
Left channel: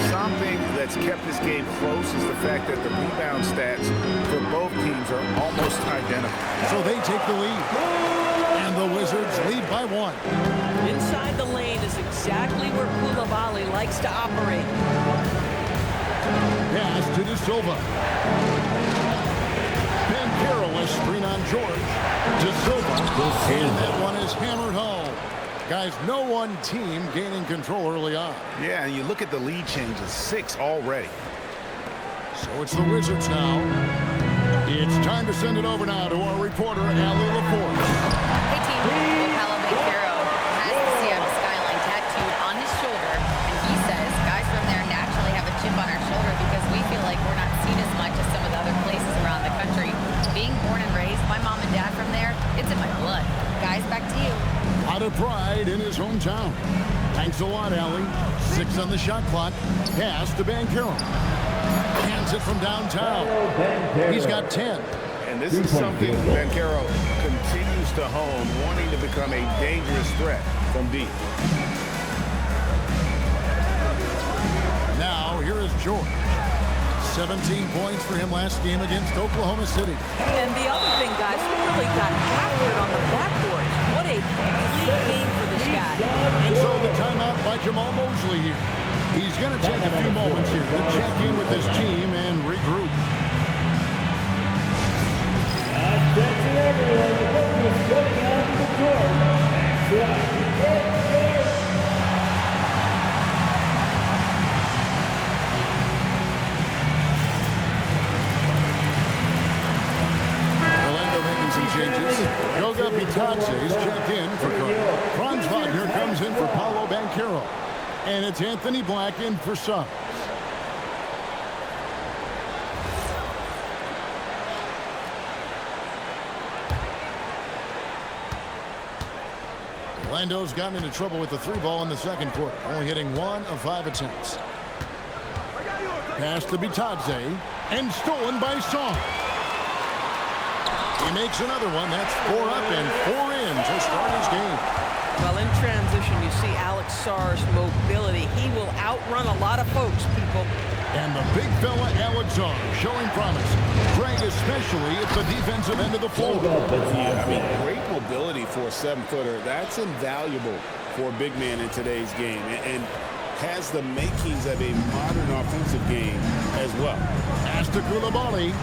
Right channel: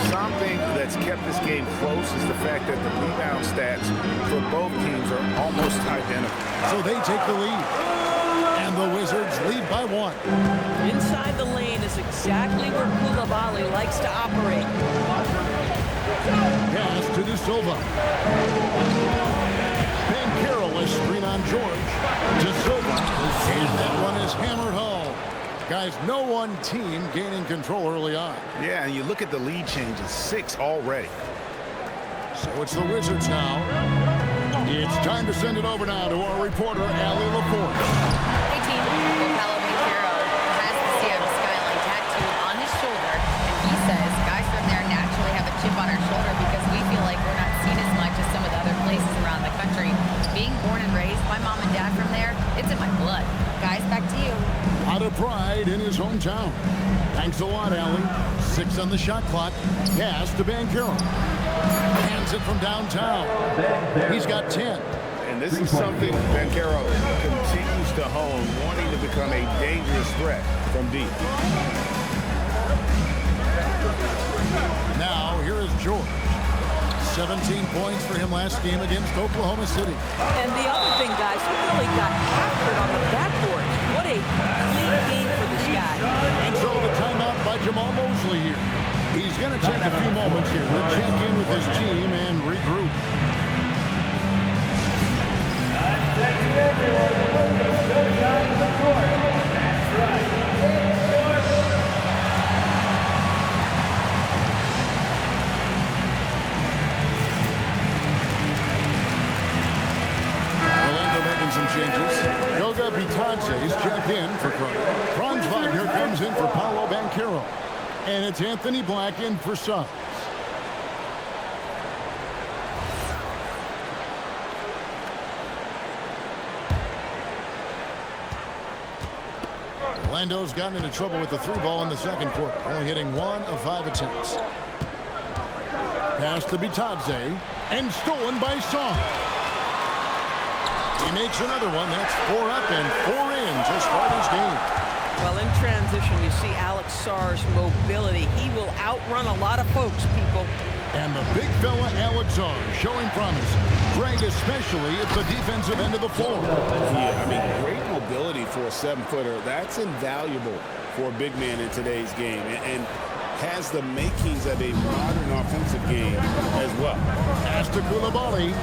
Something that's kept this game close is the fact that the rebound stats for both teams are almost identical. So they take the lead. And the Wizards lead by 1. Inside the lane is exactly where Koulibaly likes to operate. Pass to De Silva. Banchero a screen on George. De Silva. And that one is hammered home. Guys, no one team gaining control early on. Yeah, and you look at the lead changes, 6 already. So it's the Wizards now. It's time to send it over now to our reporter, Allie LaForge. Hey, team. Well, Paolo Banchero has the Seattle skyline tattooed on his shoulder, and he says guys from there naturally have a chip on our shoulder because we feel like we're not seen as much as some of the other places around the country. Being born and raised, my mom and dad from there, it's in my blood. Guys, back to you. A lot of pride in his hometown. Thanks a lot, Allie. 6 on the shot clock. Pass to Banchero. Hands it from downtown. He's got 10. And this is something Banchero continues to hone, wanting to become a dangerous threat from deep. Now, here is George. 17 points for him last game against Oklahoma City. And the other thing, guys, he really got after it on the backboards. What a complete game for this guy. And so the timeout by Jamal Mosley here. He's going to take a few moments here to check in with his team and regroup. Attention everyone, the focus going on to the court. That's right, it's your... Orlando making some changes. Goga Bitadze is checked in for Carter. Franz Wagner comes in for Paolo Banchero. And it's Anthony Black in for subs. Orlando's gotten into trouble with the 3-ball in the second quarter, only hitting 1 of 5 attempts. Pass to Bitadze, and stolen by Song. He makes another one. That's 4 up and 4 in to start his game. Well, in transition, you see Alex Sarr's mobility. He will outrun a lot of folks, people. And the big fella, Alex Sarr, showing promise. Greg, especially at the defensive end of the floor. Yeah, I mean, great mobility for a 7-footer. That's invaluable for a big man in today's game. And has the makings of a modern offensive game as well. Pass to Coulibaly.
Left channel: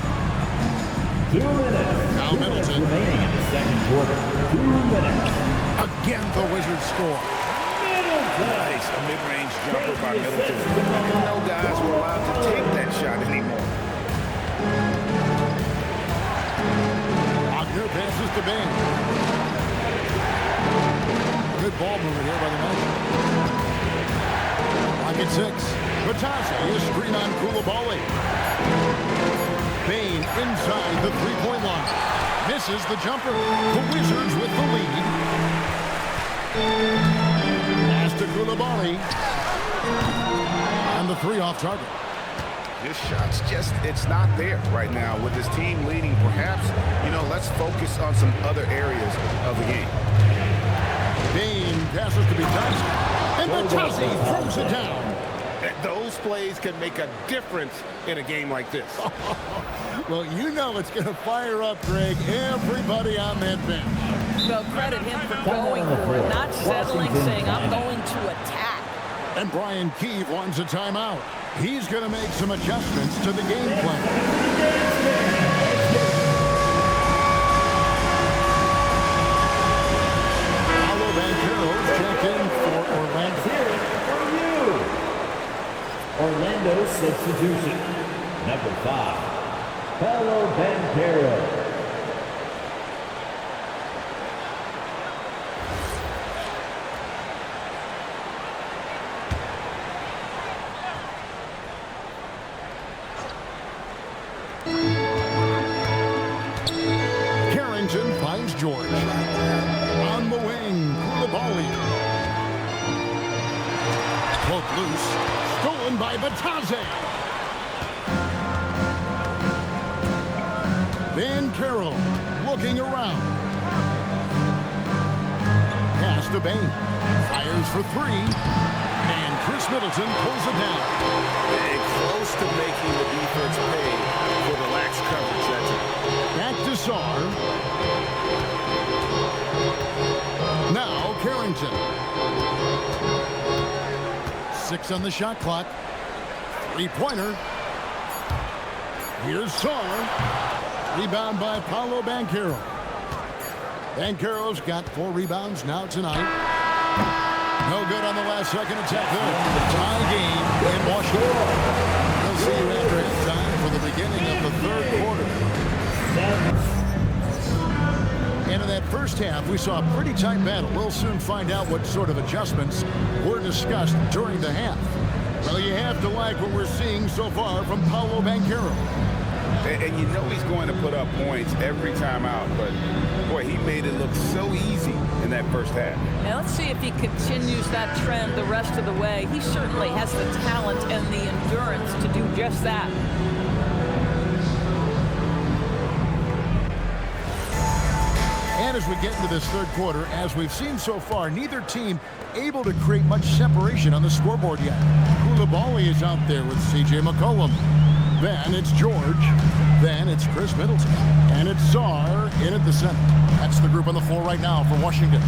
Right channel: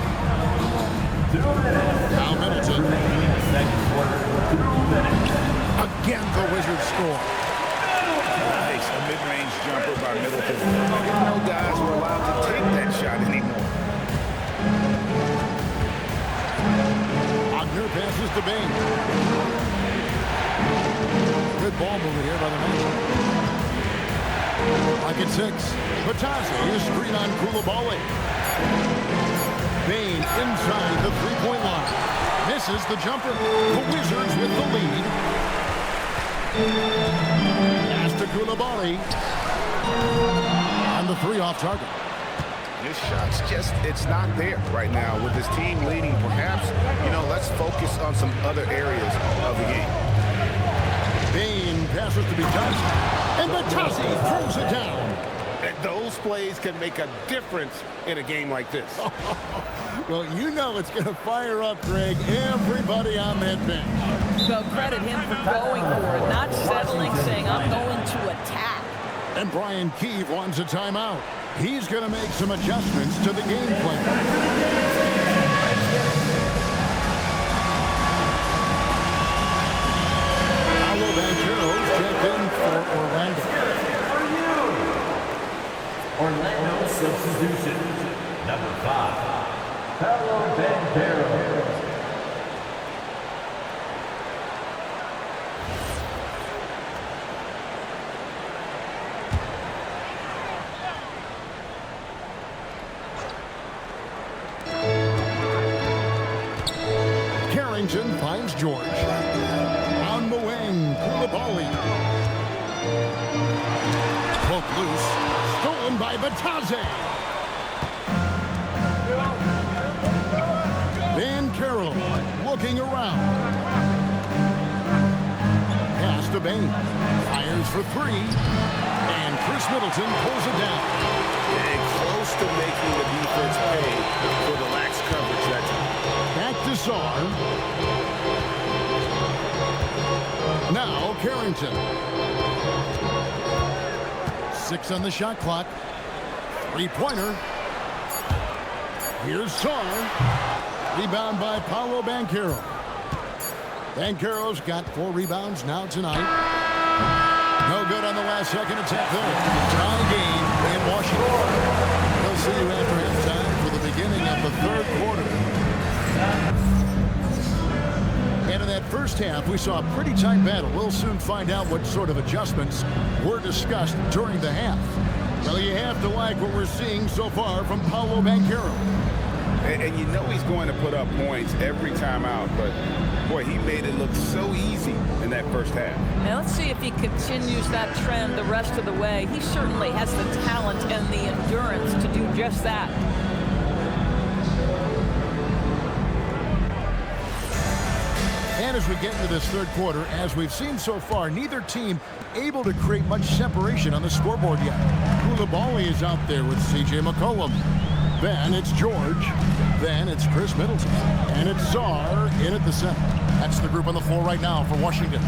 2 minutes. Now Middleton. Remaining in the second quarter. 2 minutes. Again, the Wizards score. Nice, a mid-range jumper by Middleton. I didn't know guys were allowed to take that shot anymore. Wagner passes to Bain. Good ball movement here by the Magic. Lock at 6. Bitadze is screen on Coulibaly. Bain inside the 3-point line. Misses the jumper. The Wizards with the lead. Pass to Coulibaly. On the 3 off target. This shot's just, it's not there right now with this team leading. Perhaps, let's focus on some other areas of the game. Bain passes to Bitadze. And Bitadze throws it down. Those plays can make a difference in a game like this. Well, it's going to fire up, Greg, everybody on that bench. Well, credit him for going for it, not settling, saying, I'm going to attack. And Brian Keefe wants a timeout. He's going to make some adjustments to the game plan. Paolo Banchero's checked in for Orlando. Orlando substitution. Number 5, Paolo Banchero. Carrington finds George. On the wing, Coulibaly. Poked loose. Stolen by Bitadze. Banchero looking around. Pass to Bain. Fires for 3. And Chris Middleton pulls it down. And close to making the defense pay for the lax coverage that time. Back to Sarr. Now Carrington. 6 on the shot clock. 3-pointer. Here's Sarr. Rebound by Paolo Banchero. Banchero's got 4 rebounds now tonight. No good on the last second attempt there. Tie game in Washington. We'll see you after halftime for the beginning of the 3rd quarter. And in that first half, we saw a pretty tight battle. We'll soon find out what sort of adjustments were discussed during the half. Well, you have to like what we're seeing so far from Paolo Banchero. And he's going to put up points every time out, but boy, he made it look so easy in that first half. Now let's see if he continues that trend the rest of the way. He certainly has the talent and the endurance to do just that. And as we get into this 3rd quarter, as we've seen so far, neither team able to create much separation on the scoreboard yet. Coulibaly is out there with C.J. McCollum. Then it's George. Then it's Chris Middleton. And it's Sarr in at the center. That's the group on the floor right now for Washington.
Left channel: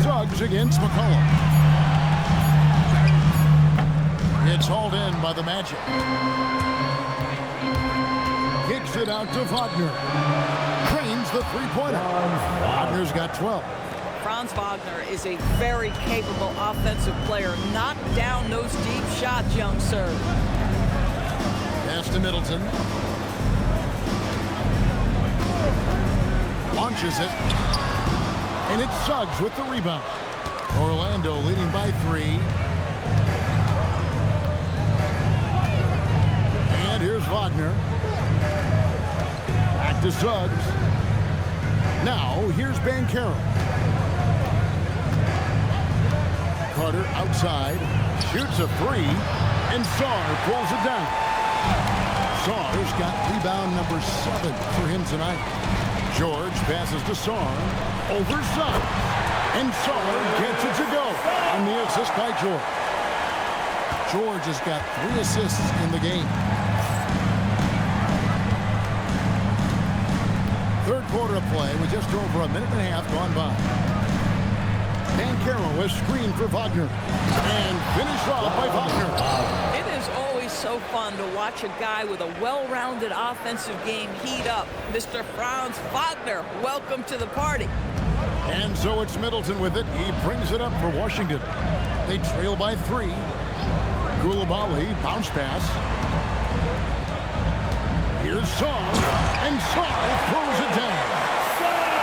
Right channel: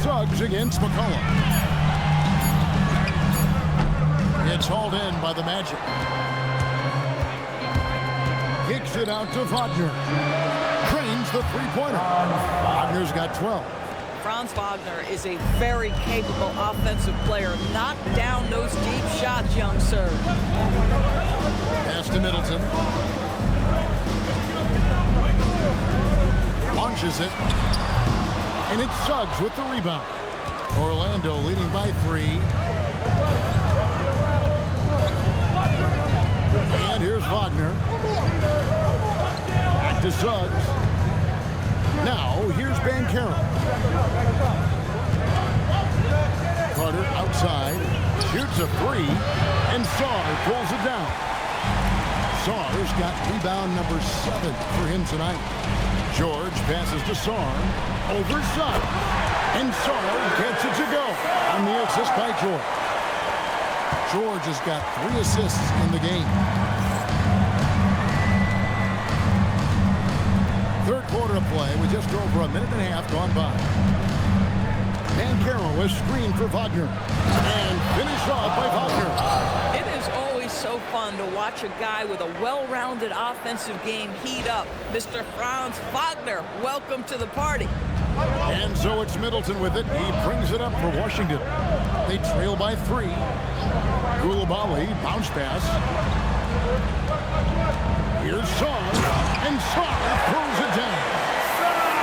Sarr Suggs against McCollum. It's hauled in by the Magic. Kicks it out to Wagner. Drains the three-pointer. Wagner's got 12. Franz Wagner is a very capable offensive player. Knock down those deep shots, young sir. Pass to Middleton. Launches it. And it's Suggs with the rebound. Orlando leading by 3. And here's Wagner. Back to Suggs. Now, here's Banchero. Carter outside. Shoots a 3. And Sarr pulls it down. Sarr's got rebound number 7 for him tonight. George passes to Sarr. Over Suggs. And Sarr gets it to go on the assist by George. George has got 3 assists in the game. Third quarter of play with just over a minute and a half gone by. Banchero is screened for Wagner. And finished off by Wagner. It is always so fun to watch a guy with a well-rounded offensive game heat up. Mr. Franz Wagner, welcome to the party. And so it's Middleton with it. He brings it up for Washington. They trail by 3. Koulibaly, bounce pass. Here's Sarr, and Sarr throws it down.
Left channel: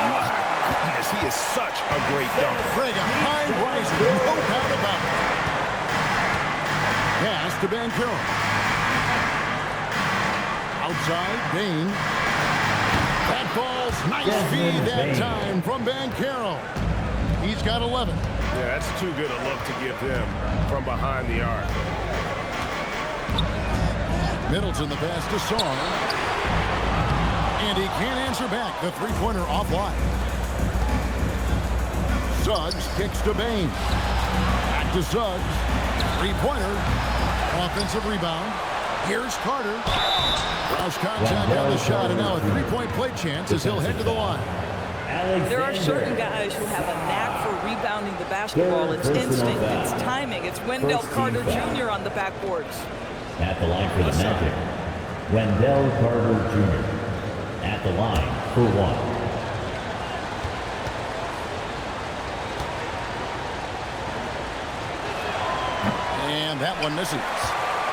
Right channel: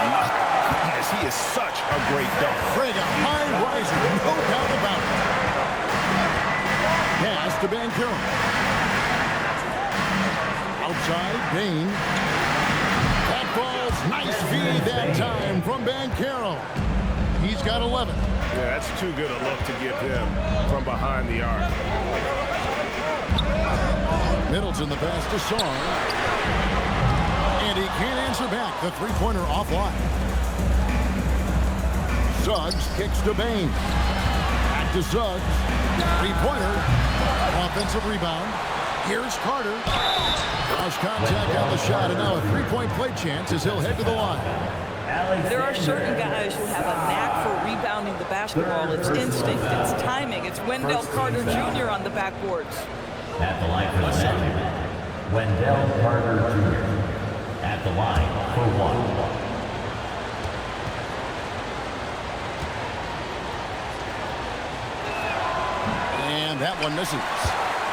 My goodness, he is such a great dunk. Frega, high riser, no doubt about it. Pass to Banchero. Outside, Bain. That ball's nice feed that time from Banchero. He's got 11. Yeah, that's too good a look to give him from behind the arc. Middleton the pass to Sarr. And he can't answer back. The three-pointer offline. Suggs kicks to Bain. Back to Suggs. Three-pointer. Offensive rebound. Here's Carter. Cross contact on the shot, and now a three-point play chance as he'll head to the line. There are certain guys who have a knack for rebounding the basketball. It's instinct, it's timing. It's Wendell Carter Jr. on the backboards. At the line for the Magic, Wendell Carter Jr. At the line for 1. And that one misses.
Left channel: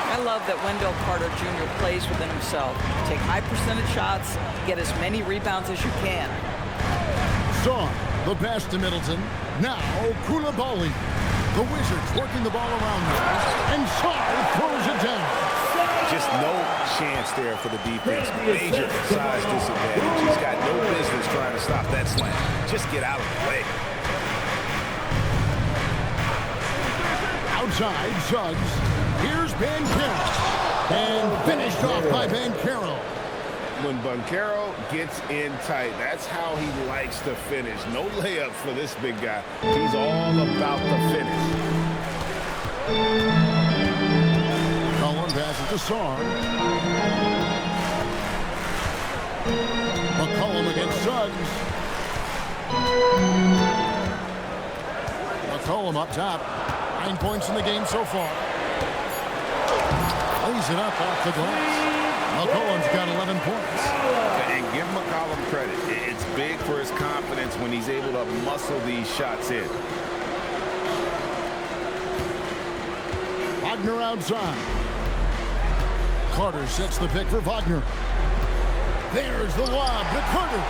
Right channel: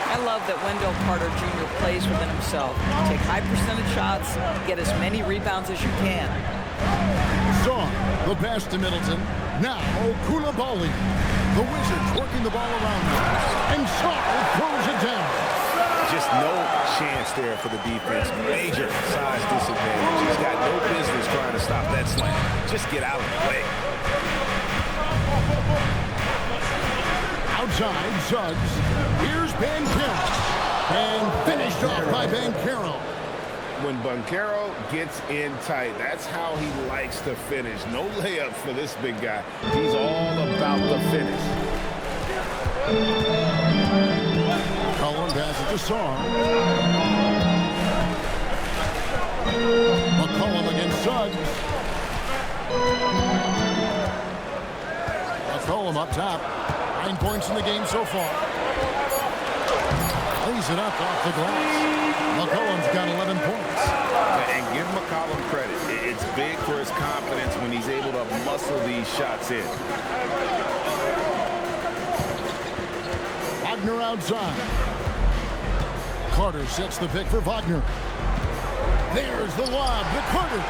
I love that Wendell Carter Jr. plays within himself. Take high percentage shots, get as many rebounds as you can. Sarr, the pass to Middleton. Now Koulibaly. The Wizards working the ball around them. And Sarr throws it down. Just no chance there for the defense. Major size disadvantage. He's got no business trying to stop that slam. Just get out of the way. Outside, Suggs. Here's Banchero. And finished off by Banchero. When Banchero gets in tight, that's how he likes to finish. No layups for this big guy. He's all about the finish. Cullen passes to Sarr. McCollum against Suggs. McCollum up top. 9 points in the game so far. Lays it up off the glass. McCollum's got 11 points. And give McCollum credit. It's big for his confidence when he's able to muscle these shots in. Wagner outside. Carter sets the pick for Wagner. There's the lob to Carter.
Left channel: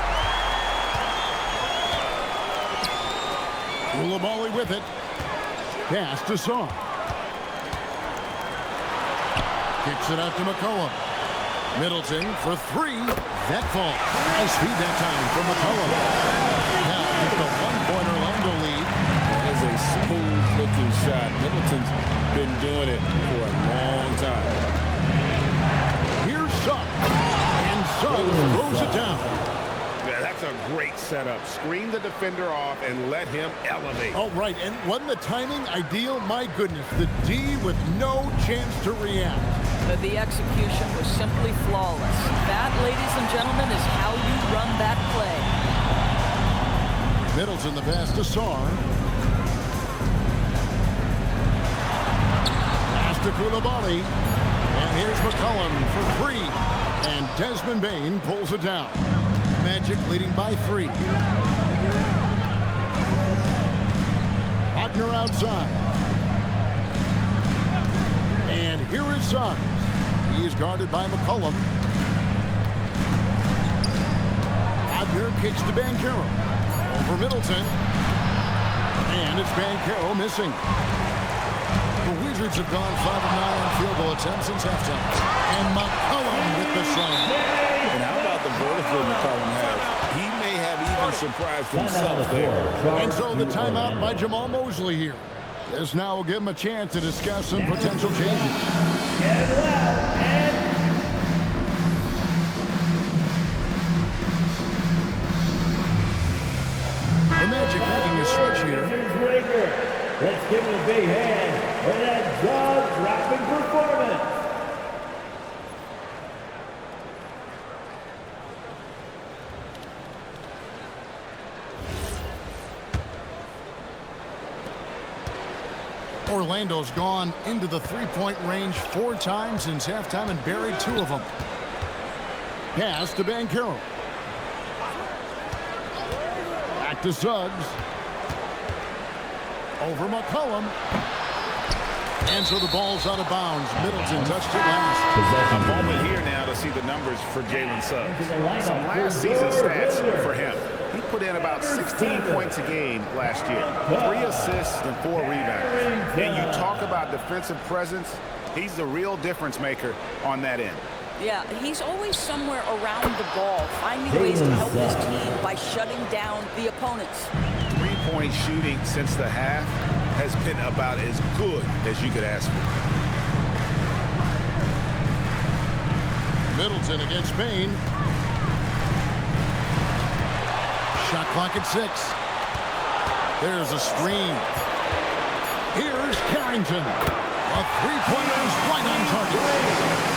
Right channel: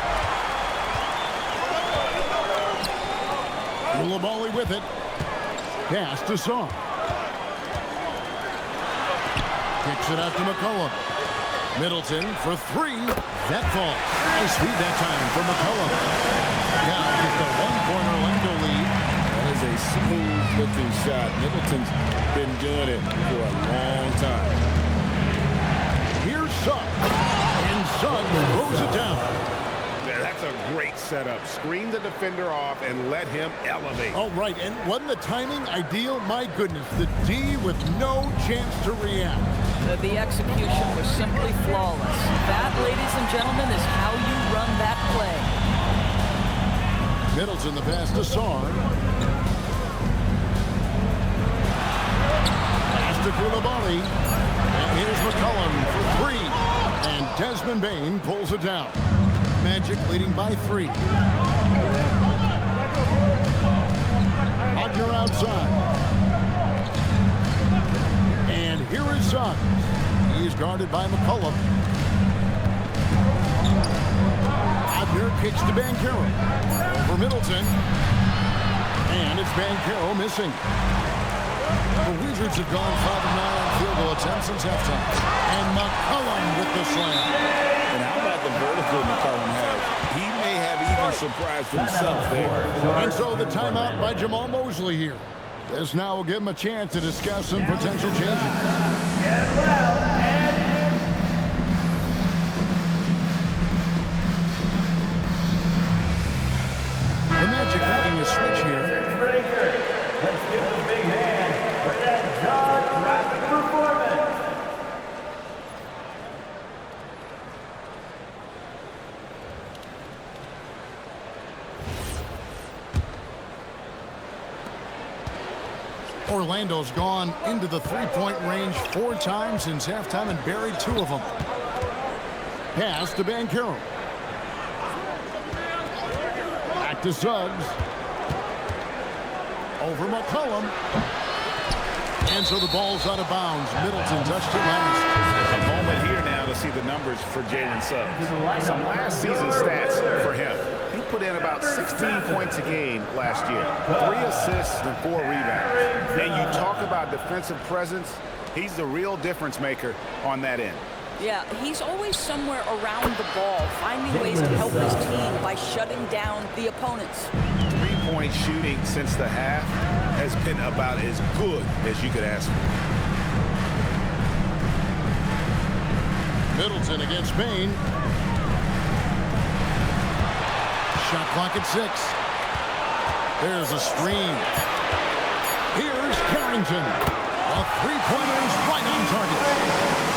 Koulibaly with it. Pass to Sarr. Kicks it out to McCollum. Middleton for 3. That falls. Nice feed that time for McCollum. Now just a 1-point Orlando lead. That is a smooth-looking shot. Middleton's been doing it for a long time. Here's Suggs. And Suggs throws it down. Yeah, that's a great setup. Screen the defender off and let him elevate. Oh, right. And wasn't the timing ideal? My goodness. The D with no chance to react. The execution was simply flawless. That, ladies and gentlemen, is how you run that play. Middleton the pass to Sarr. to Koulibaly. And here's McCollum for three. And Desmond Bane pulls it down. Magic leading by 3. Wagner outside. And here is Suggs. He's guarded by McCollum. Wagner kicks to Banchero. Over Middleton. And it's Banchero missing. The Wizards have gone 5 of 9 on field goal attempts since halftime. And McCollum with the slam. And how about the vertical McCollum has? He may have even surprised himself there. And so the timeout by Jamal Mosley here. This now will give him a chance to discuss some potential changes. The Magic making a switch here. Let's give him a big hand for that jaw-dropping performance. Orlando's gone into the three-point range 4 times since halftime and buried 2 of them. Pass to Banchero. Back to Suggs. Over McCollum. And so the ball's out of bounds. Middleton touched it last. A moment here now to see the numbers for Jalen Suggs. Some last season stats for him. He put in about 16 points a game last year. 3 assists and 4 rebounds. And you talk about defensive presence. He's the real difference maker on that end. Yeah, he's always somewhere around the ball, finding ways to help his team by shutting down the opponents. 3-point shooting since the half has been about as good as you could ask for. Middleton against Bane. Shot clock at 6. There's a screen. Here's Carrington. A three-pointer is right on target.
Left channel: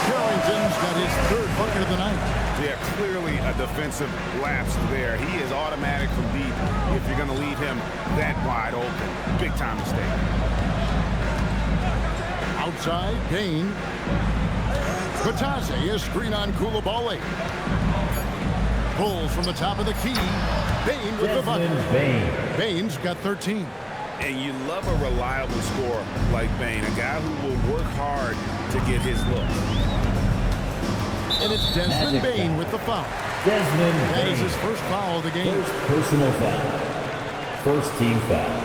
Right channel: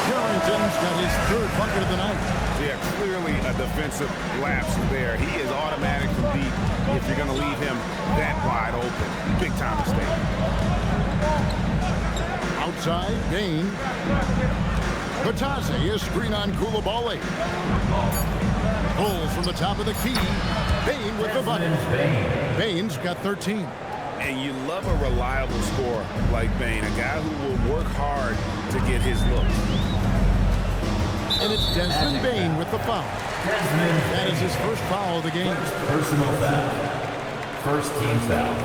Carrington's got his 3rd bucket of the night. Yeah, clearly a defensive lapse there. He is automatic from deep if you're going to leave him that wide open. Big time mistake. Outside, Bane. Batase, a screen on Koulibaly. Pulls from the top of the key. Bane with the bucket. Bane's got 13. And you love a reliable scorer like Bane, a guy who will work hard to get his look. And it's Desmond Bane with the foul. That is his first foul of the game. First personal foul. First team foul.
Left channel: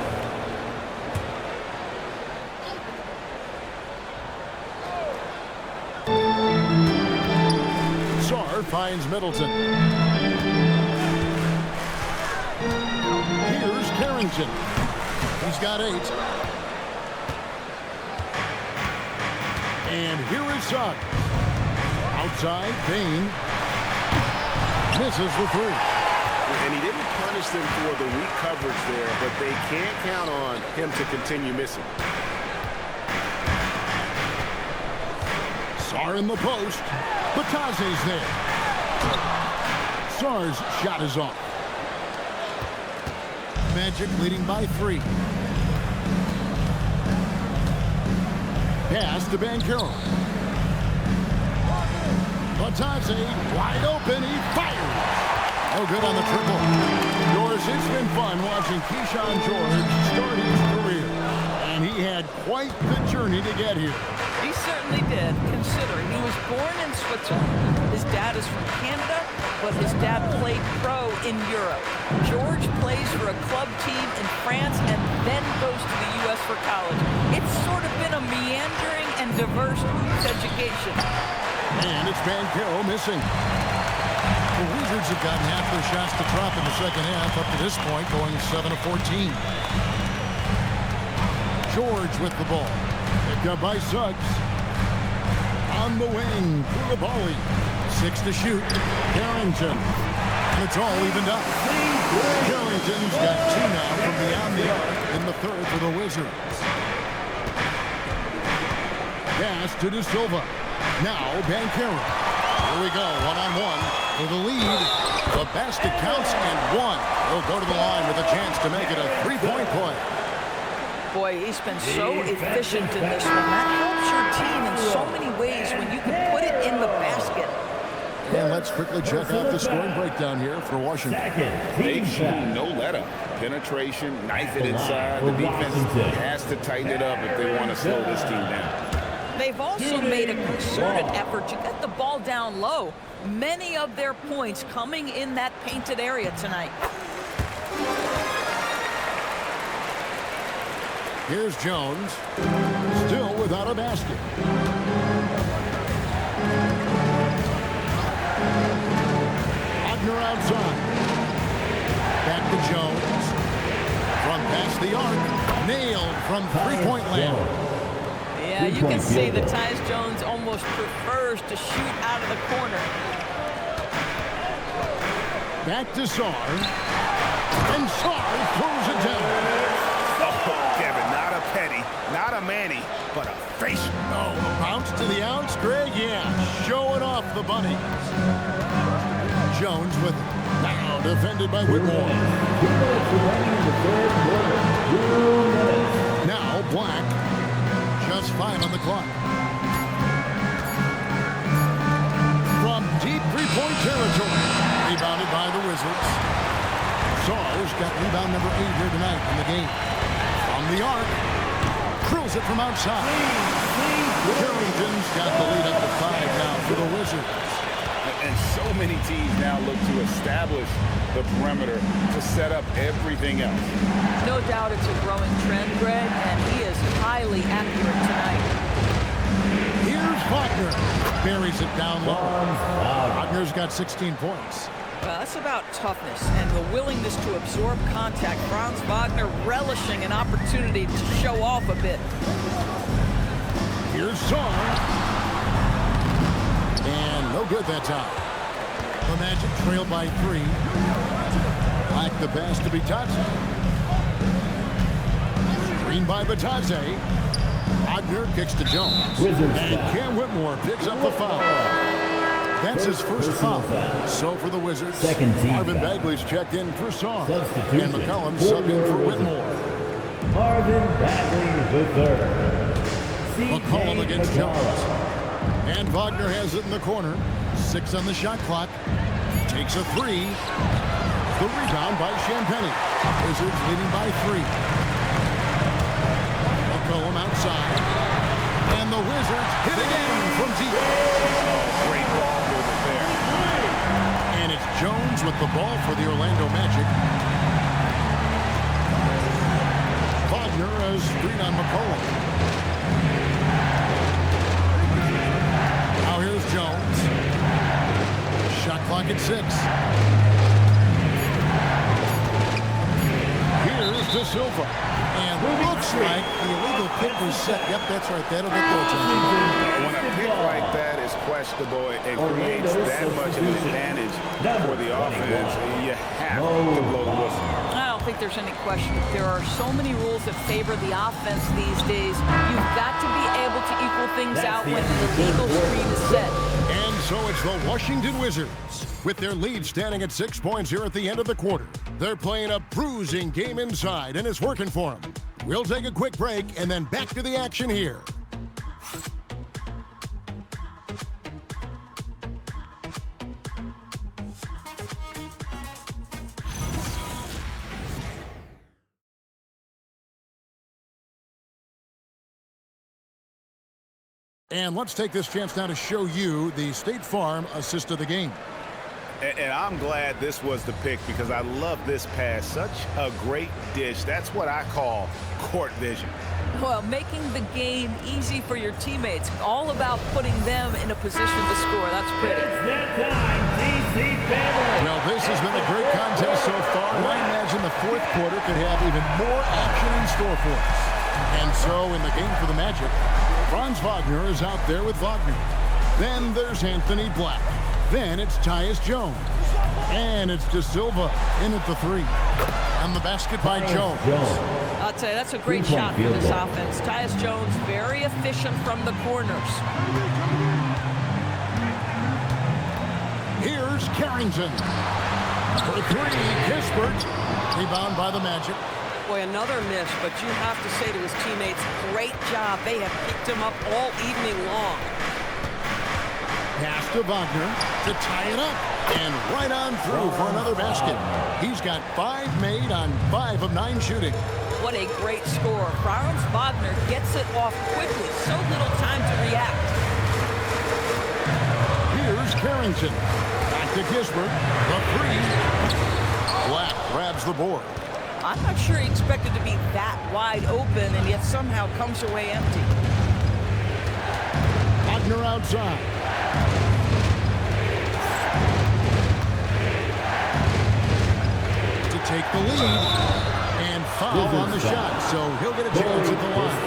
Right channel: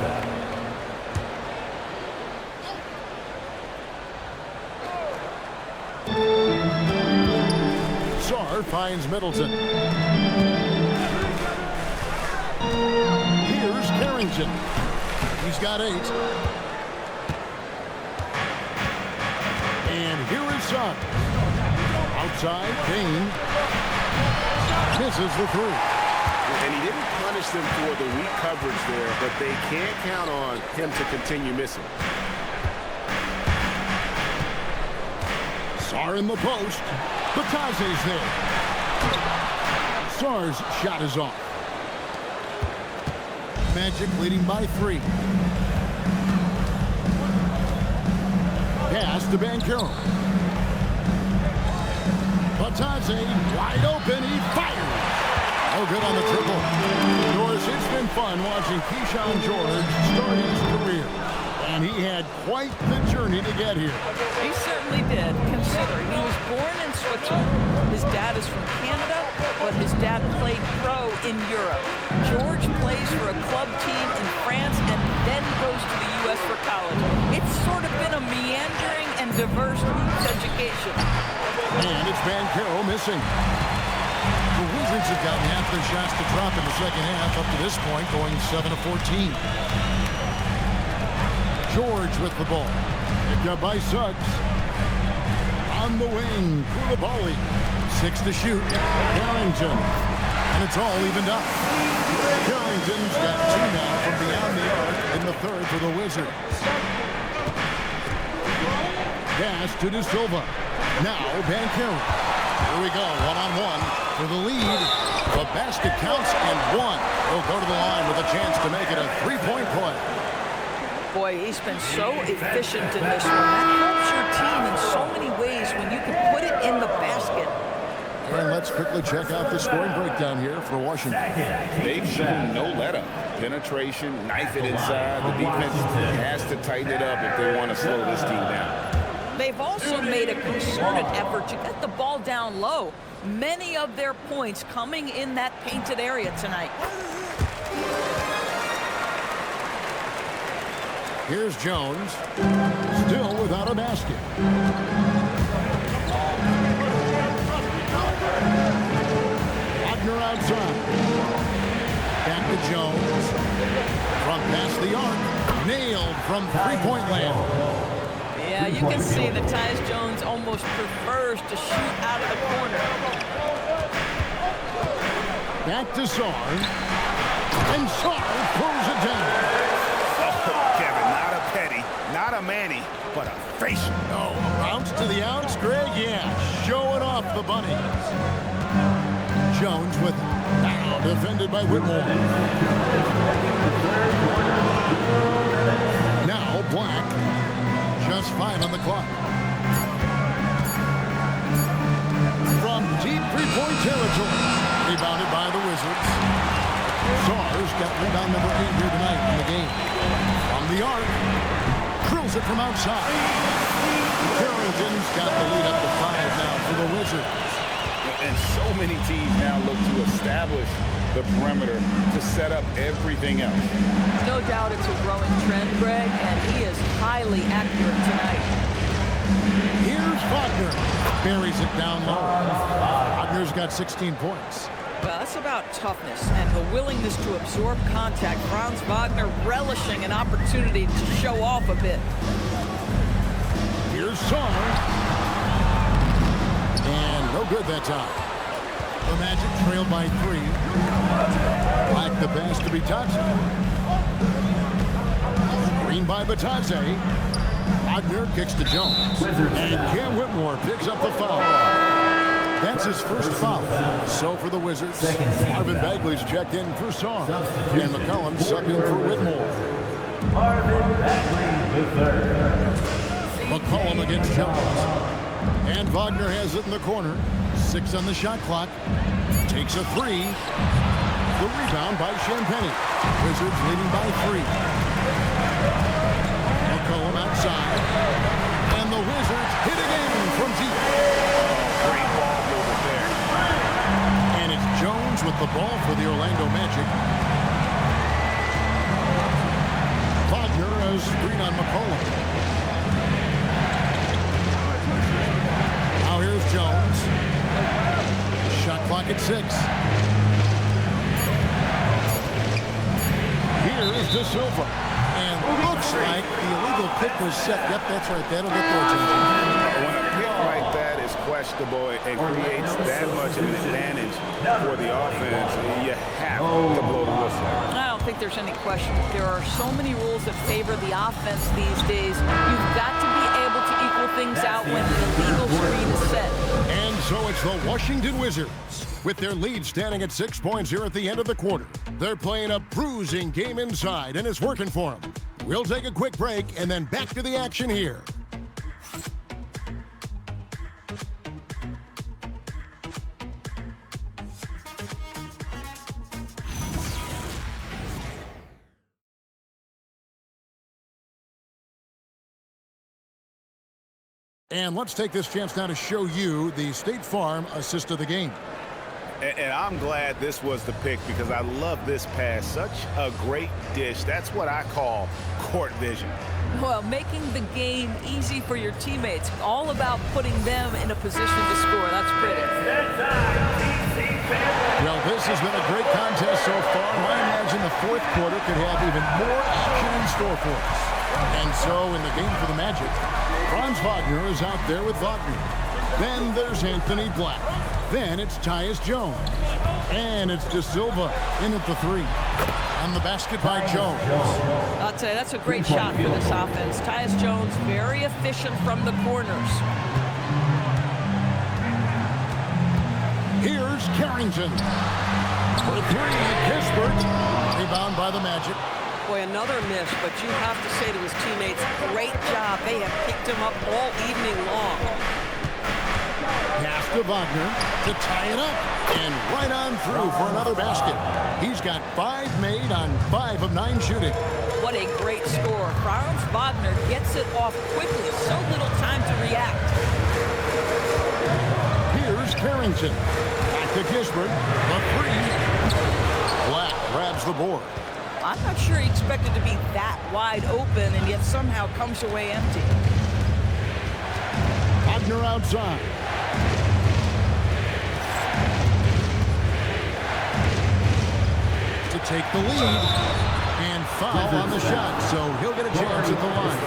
Sarr finds Middleton. Here's Carrington. He's got 8. And here is Suggs. Outside, Bane misses the 3. And he didn't punish them for the weak coverage there, but they can't count on him to continue missing. Sarr in the post. Batase's there. Sarr's shot is off. Magic leading by 3. Pass to Banchero. Batase wide open. He fires. No good on the triple. Doris, it's been fun watching Keyshawn George start his career. And he had quite the journey to get here. He certainly did, considering he was born in Switzerland. His dad is from Canada, but his dad played pro in Europe. George plays for a club team in France and then goes to the U.S. for college. It's sort of been a meandering and diverse hoops education. And it's Banchero missing. The Wizards have gotten half their shots to drop in the second half up to this point, going 7 of 14. George with the ball. Picked up by Suggs. On the wing, Koulibaly. 6 to shoot. Carrington. And it's all evened up. Carrington's got 2 now from beyond the arc in the 3rd for the Wizards. Pass to De Silva. Now Banchero. Here we go, one-on-one for the lead. The basket counts and 1. He'll go to the line with a chance to make it a 3-point play. Boy, he's been so efficient in this one. That helps your team in so many ways when you can put it in the basket. And let's quickly check out the scoring breakdown here for Washington. They've shown no let-up. Penetration, knife it inside. The defense has to tighten it up if they want to slow this team down. They've also made a concerted effort to get the ball down low. Many of their points coming in that painted area tonight. Here's Jones, still without a basket. Wagner outside. Back to Jones. From past the arc. Nailed from three-point land. Yeah, you can see that Tyus Jones almost prefers to shoot out of the corner. Back to Sarr. And Sarr throws it down. Oh, Kevin, not a petty, not a Manny, but a facial. Oh, a bounce to the ounce, Greg? Yeah, showing off the bunnies. Jones with it. Now defended by Whitmore. Now Black. Just 5 on the clock. From deep three-point territory. Rebounded by the Wizards. Sarr's got rebound number 8 here tonight in the game. From the arc. Drills it from outside. Carrington's got the lead up to 5 now for the Wizards. And so many teams now look to establish the perimeter to set up everything else. No doubt it's a growing trend, Greg, and he is highly accurate tonight. Here's Wagner. Buries it down low. Wagner's got 16 points. Well, that's about toughness and the willingness to absorb contact. Franz Wagner relishing an opportunity to show off a bit. Here's Sarr. And no good that time. The Magic trailed by 3. Black the pass to Bitadze. Screen by Bitadze. Wagner kicks to Jones. And Cam Whitmore picks up the foul. That's his first foul. So for the Wizards, Marvin Bagley's checked in for Sarr. And McCollum subbed in for Whitmore. Marvin Bagley the third. McCollum against Jones. And Wagner has it in the corner. 6 on the shot clock. Takes a 3. The rebound by Champagnie. Wizards leading by 3. McCollum outside. And the Wizards hit again from deep. Oh, great ball movement there. And it's Jones with the ball for the Orlando Magic. Wagner has screen on McCollum. Now here's Jones. Shot clock at 6. Here's De Silva. And looks like the illegal pick was set. Yep, that's right. That'll get their attention. When a pick like that is questionable and creates that much of an advantage for the offense, you have to blow the whistle. I don't think there's any question. There are so many rules that favor the offense these days. You've got to be able to equal things out when the legal screen is set. And so it's the Washington Wizards with their lead standing at 6 points here at the end of the quarter. They're playing a bruising game inside, and it's working for them. We'll take a quick break and then back to the action here. And let's take this chance now to show you the State Farm assist of the game. And I'm glad this was the pick because I love this pass. Such a great dish. That's what I call court vision. Well, making the game easy for your teammates. All about putting them in a position to score. That's pretty. Well, this has been a great contest so far, and I imagine the fourth quarter could have even more action in store for us. And so in the game for the Magic, Franz Wagner is out there with Wagner. Then there's Anthony Black. Then it's Tyus Jones. And it's De Silva in at the 3. On the basket by Jones. I'll tell you, that's a great shot for this offense. Tyus Jones, very efficient from the corners. Here's Carrington. For 3, Kispert. Rebound by the Magic. Boy, another miss, but you have to say to his teammates, great job. They have picked him up all evening long. Pass to Wagner to tie it up. And right on through for another basket. He's got 5 made on 5 of 9 shooting. What a great score. Franz Wagner gets it off quickly. So little time to react. Here's Carrington. Back to Gisbert. The 3. Black grabs the board. I'm not sure he expected to be that wide open and yet somehow comes away empty. Wagner outside. To take the lead and foul on the shot, so he'll get a chance at the line.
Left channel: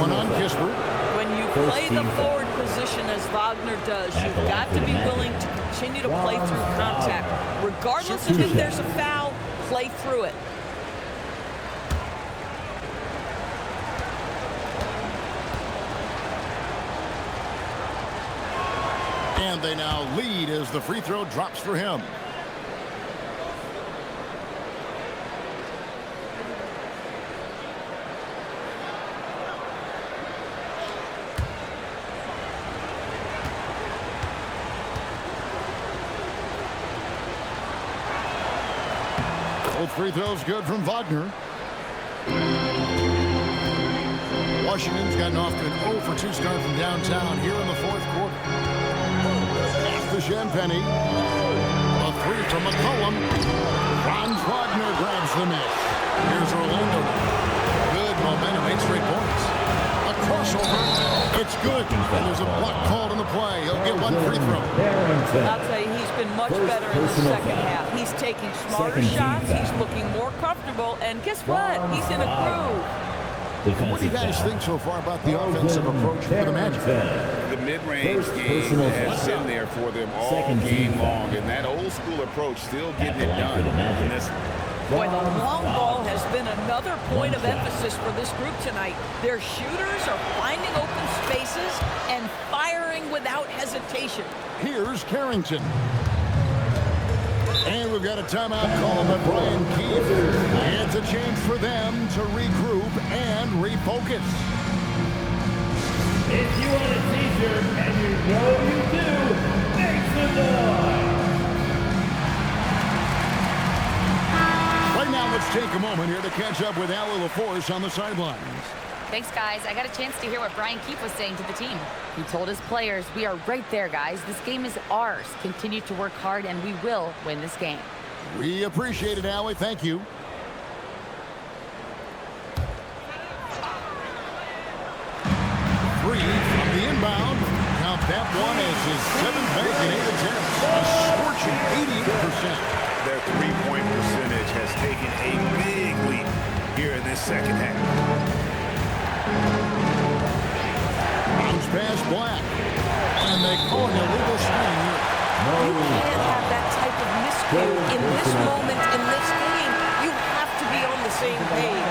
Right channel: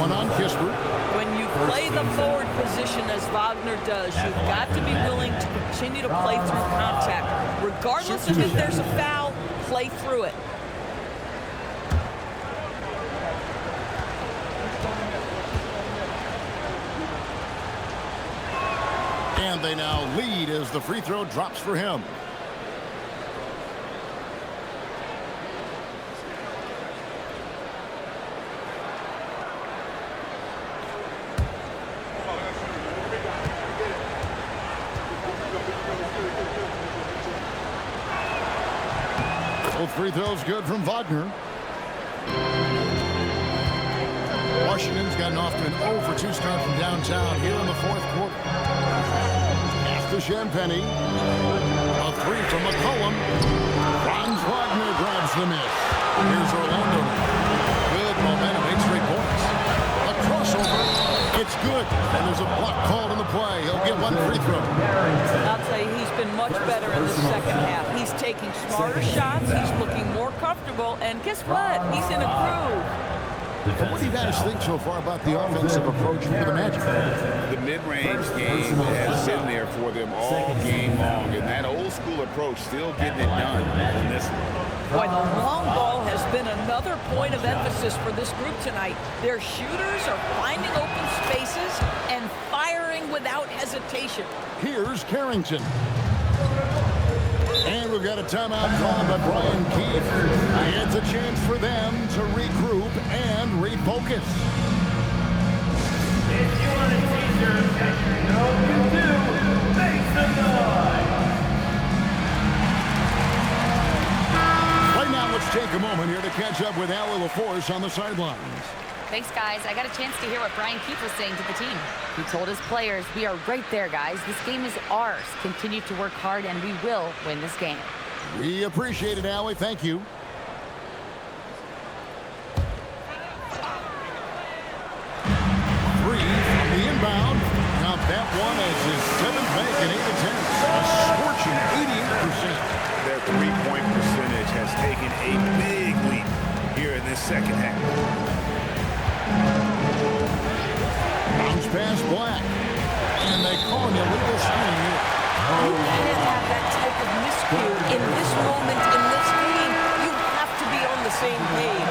One on Gisbert. When you play the forward position as Wagner does, you've got to be willing to continue to play through contact. Regardless of if there's a foul, play through it. And they now lead as the free throw drops for him. Both free throws good from Wagner. Washington's gotten off to an 0 for 2 start from downtown here in the 4th quarter. Pass to Champagny. A 3 from McCollum. Franz Wagner grabs the miss. Here's Orlando now. Good momentum, 8 straight points. A crossover. It's good. And there's a block called in the play. He'll get 1 free throw. I'll tell you, he's been much better in the second half. He's taking smarter shots. He's looking more comfortable. And guess what? He's in a groove. And what do you guys think so far about the offensive approach for the Magic? The mid-range game has been there for them all game long, and that old-school approach still getting it done in this one. Boy, the long ball has been another point of emphasis for this group tonight. Their shooters are finding open spaces and firing without hesitation. Here's Carrington. And we've got a timeout called by Brian Keefe. It's a chance for them to regroup and refocus. If you want a teaser, and you know you do, make some noise. Right now, let's take a moment here to catch up with Allie LaForce on the sidelines. Thanks, guys. I got a chance to hear what Brian Keefe was saying to the team. He told his players, we are right there, guys. This game is ours. Continue to work hard, and we will win this game. We appreciate it, Allie. Thank you. Three from the inbound. Count that one as his 7th bank in 8 attempts. A scorching 88%. Their three-point percentage has taken a big leap here in this second half. Bounce pass Black. And they call an illegal screen here. You can't have that type of miscue in this moment in this game. You have to be on the same page.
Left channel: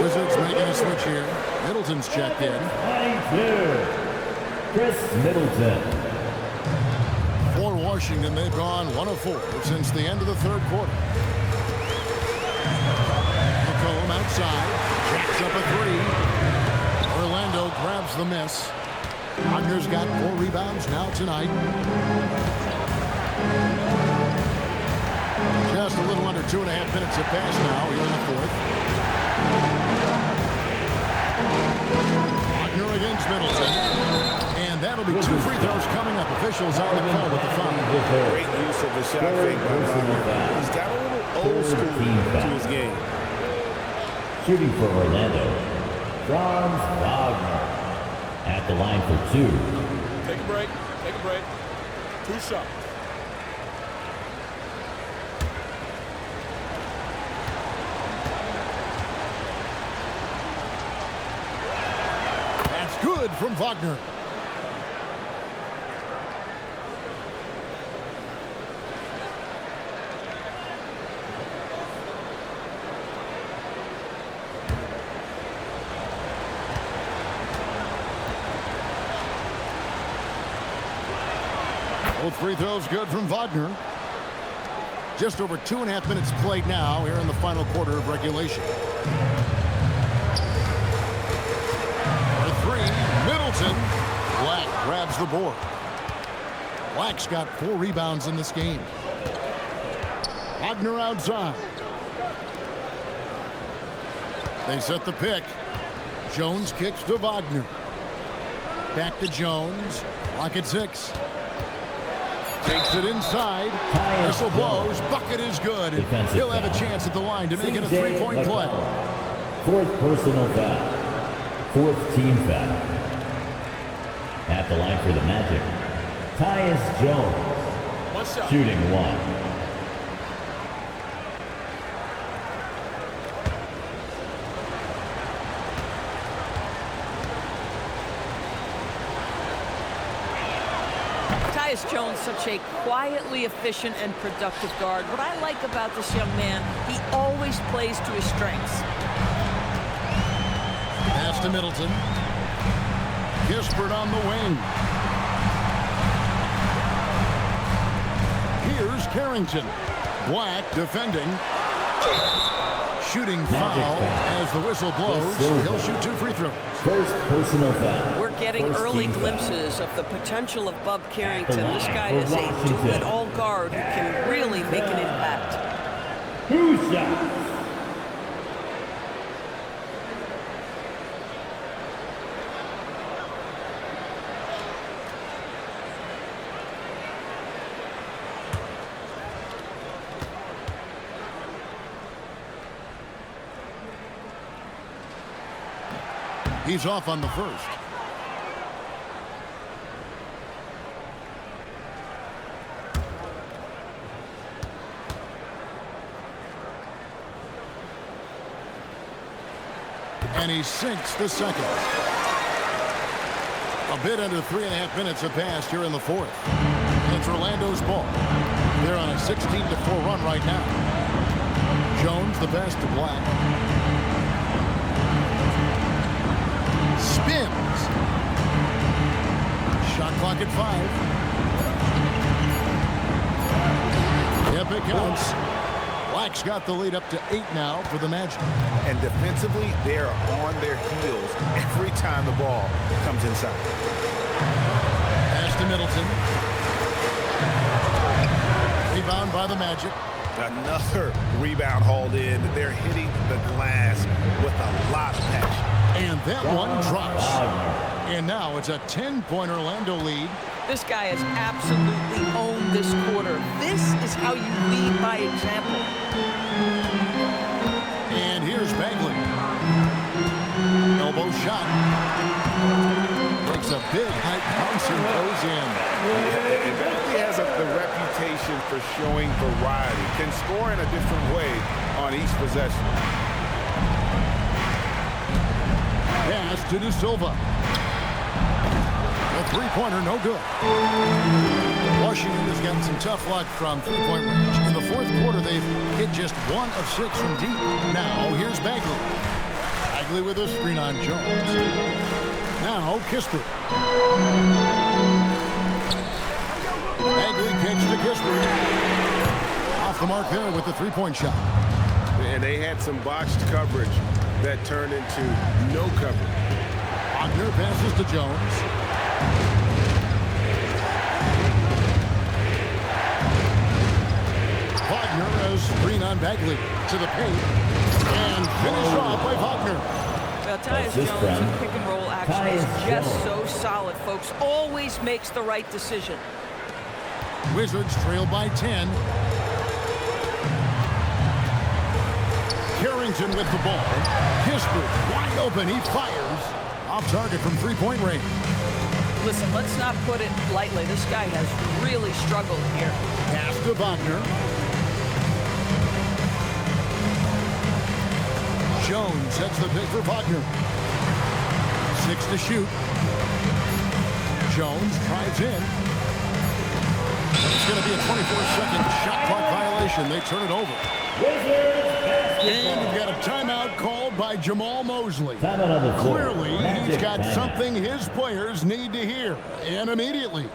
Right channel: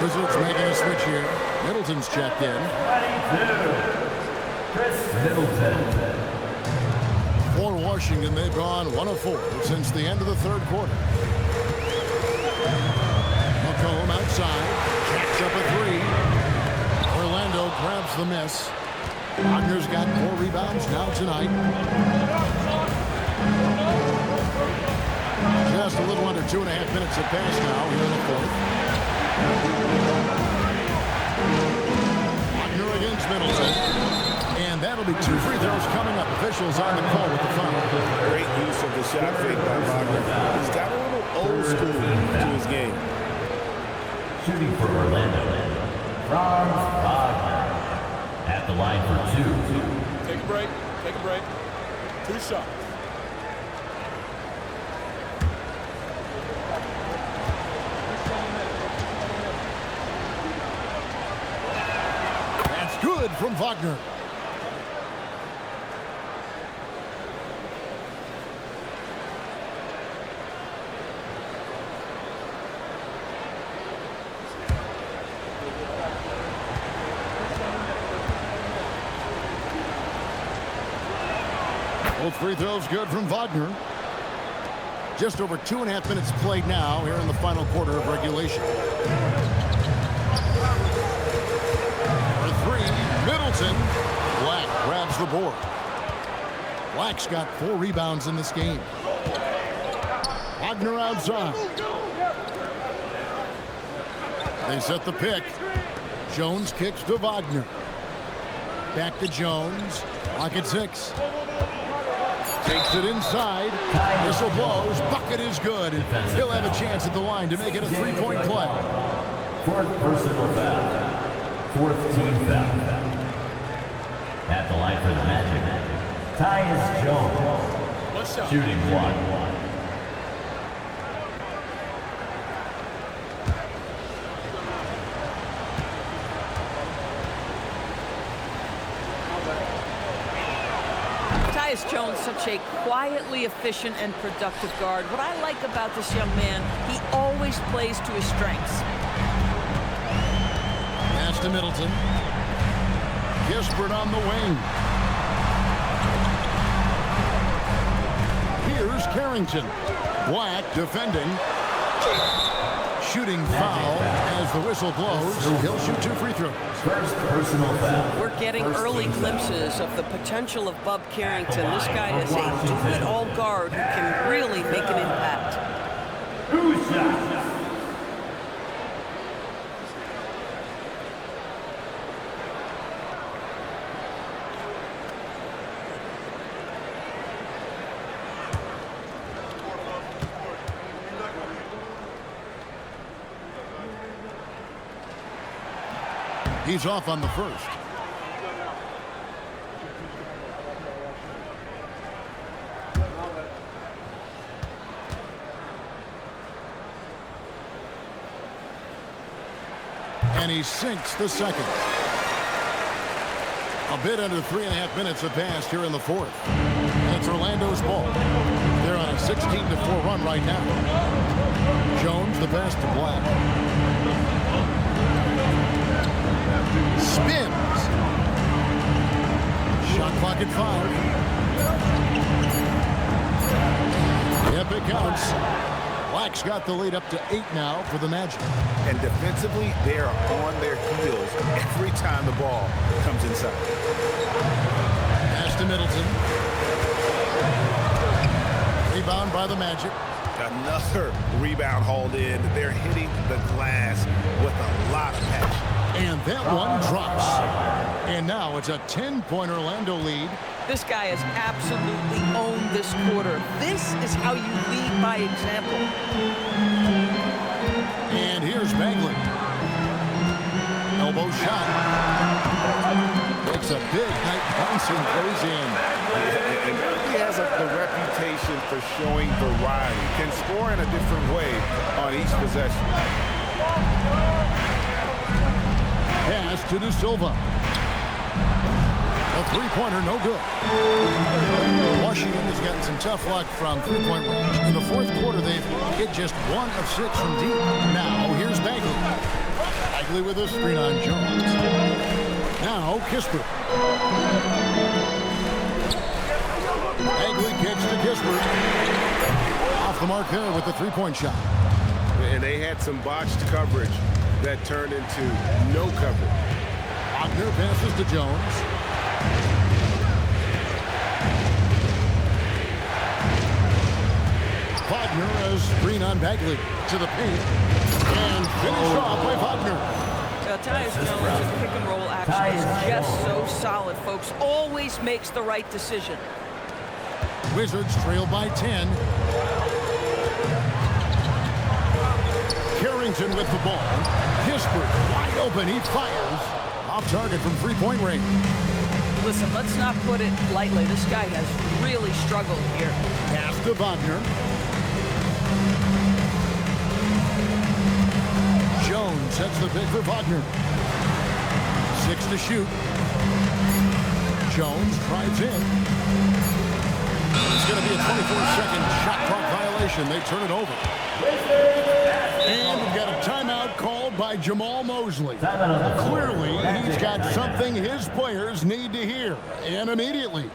Wizards making a switch here. Middleton's checked in. 22. Chris Middleton. For Washington, they've gone 1 of 4 since the end of the 3rd quarter. McCollum outside. Jacks up a 3. Orlando grabs the miss. Wagner's got 4 rebounds now tonight. Just a little under 2.5 minutes have passed now here in the 4th. Wagner against Middleton. And that'll be 2 free throws coming up. Officials on the call with the foul. Great use of the shot fake by Wagner. He's got a little old school to his game. Shooting for Orlando, Franz Wagner. At the line for 2. Take a break. Take a break. 2 shots. That's good from Wagner. Both free throws good from Wagner. Just over 2.5 minutes played now here in the final quarter of regulation. For three, Middleton. Black grabs the board. Black's got 4 rebounds in this game. Wagner outside. They set the pick. Jones kicks to Wagner. Back to Jones. Clock at 6. Takes it inside. Whistle blows. Bucket is good. He'll have a chance at the line to make it a 3-point play. 4th personal foul. 4th team foul. At the line for the Magic, Tyus Jones. One shot. Shooting 1. Tyus Jones, such a quietly efficient and productive guard. What I like about this young man, he always plays to his strengths. Pass to Middleton. Kispert on the wing. Here's Carrington. Black defending. Shooting foul as the whistle blows. He'll shoot 2 free throws. 1st personal foul. We're getting early glimpses of the potential of Bub Carrington. This guy is a do-it-all guard who can really make an impact. 2 shots. He's off on the first. And he sinks the second. A bit under 3.5 minutes have passed here in the 4th. And it's Orlando's ball. They're on a 16-4 run right now. Jones the pass to Black. Spins. Shot clock at 5. Yep, it counts. Black's got the lead up to 8 now for the Magic. And defensively, they are on their heels every time the ball comes inside. Pass to Middleton. Rebound by the Magic. Another rebound hauled in. They're hitting the glass with a lot of passion. And that one drops. And now it's a 10-point Orlando lead. This guy has absolutely owned this quarter. This is how you lead by example. And here's Bagley. Elbow shot. Makes a big height bounce and goes in. Yeah, and Bagley has the reputation for showing variety. Can score in a different way on each possession. Pass to De Silva. A 3-pointer, no good. Washington has gotten some tough luck from 3-point range. In the 4th quarter, they've hit just 1 of 6 from deep. Now, here's Bagley. Bagley with a screen on Jones. Now, Kispert. Bagley kicks to Kispert. Off the mark there with the 3-point shot. And they had some botched coverage that turned into no coverage. Wagner passes to Jones. Wagner a screen on Bagley to the paint. And finished off by Wagner. Tyus Jones in pick and roll action is just so solid, folks. Always makes the right decision. Wizards trail by 10. Carrington with the ball. Kispert wide open. He fires. Off target from 3-point range. Listen, let's not put it lightly. This guy has really struggled here. Pass to Wagner. Jones sets the pick for Wagner. 6 to shoot. Jones drives in. It's going to be a 24-second shot clock violation. They turn it over. And we've got a timeout called by Jamal Mosley. Clearly, he's got something his players need to hear, and immediately.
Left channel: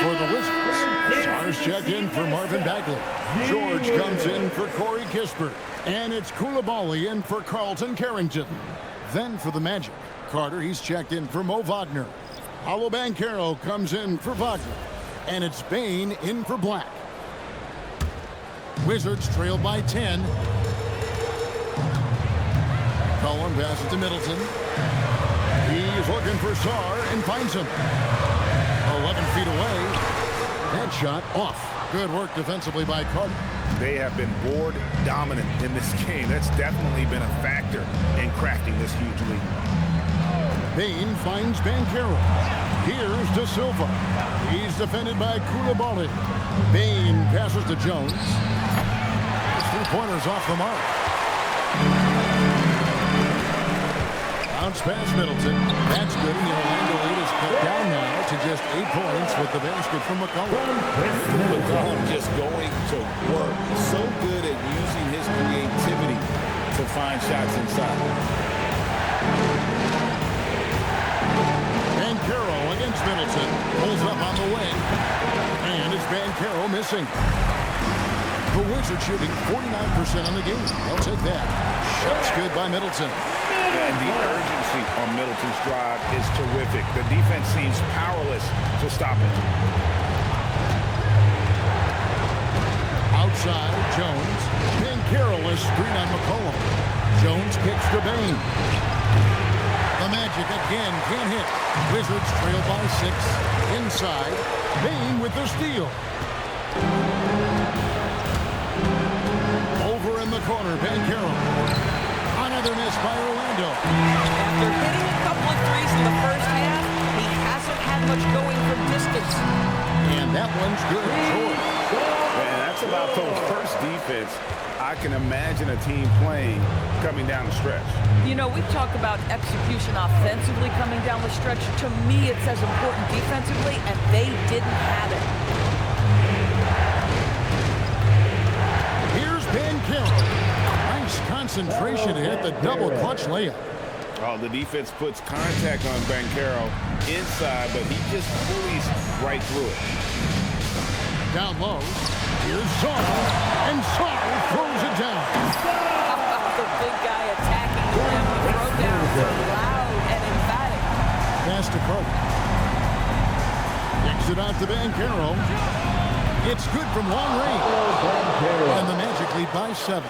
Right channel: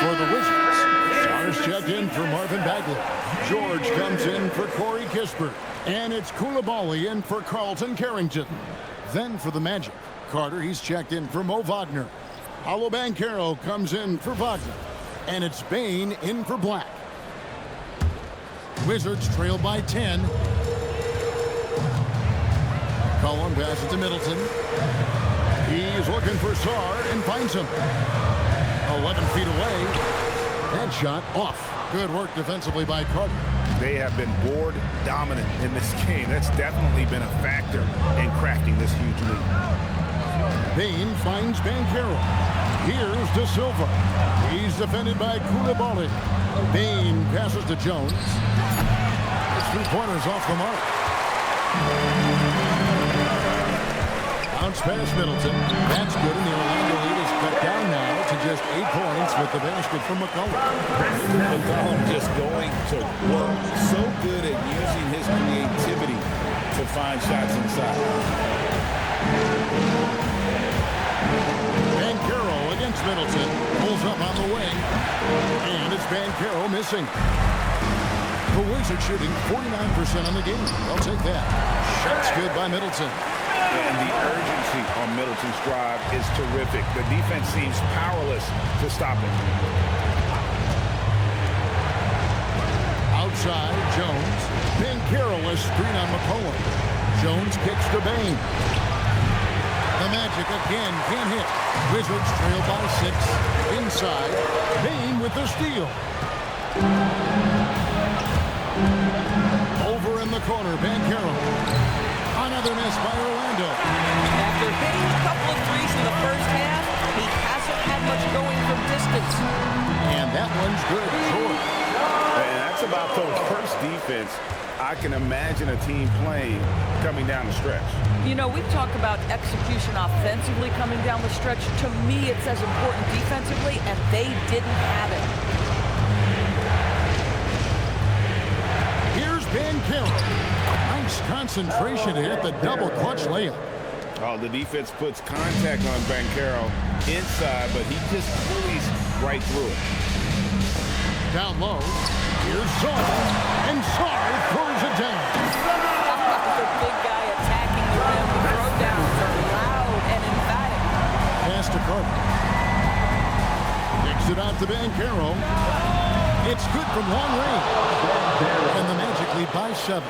For the Wizards, Stars checked in for Marvin Bagley. George comes in for Corey Kispert. And it's Koulibaly in for Carlton Carrington. Then for the Magic, Carter, he's checked in for Mo Wagner. Paolo Banchero comes in for Wagner. And it's Bain in for Black. Wizards trail by 10. Cullen passes to Middleton. He's looking for Sarr and finds him. 11 feet away. That shot off. Good work defensively by Carter. They have been board dominant in this game. That's definitely been a factor in crafting this huge lead. Bain finds Banchero. Here's De Silva. He's defended by Koulibaly. Bain passes to Jones. His 3-pointers off the mark. Bounce past Middleton. That's good, and the Orlando lead is cut down now to just 8 points with the basket from McCollum. McCollum just going to work. So good at using his creativity to find shots inside. Banchero against Middleton. Pulls up on the wing. And it's Banchero missing. The Wizards shooting 49% on the game. They'll take that. Shots good by Middleton. And the urgency on Middleton's drive is terrific. The defense seems powerless to stop it. Outside, Jones. Banchero a screen on McCollum. Jones kicks to Bain. The Magic again can't hit. Wizards trail by 6. Inside, Bain with the steal. Over in the corner, Banchero. Another miss by Orlando. After hitting a couple of threes in the first half, he hasn't had much going from distance. And that one's good. George. And that's about the worst defense I can imagine a team playing coming down the stretch. You know, we talk about execution offensively coming down the stretch. To me, it's as important defensively, and they didn't have it. Here's Banchero. Nice concentration to hit the double clutch layup. Oh, the defense puts contact on Banchero inside, but he just bullies right through it. Down low, here's Sarr, and Sarr throws it down. The big guy attacking the rim. The throwdowns are loud and emphatic. Pass to Carter. Kicks it out to Banchero. It's good from long range. And the Magic lead by 7.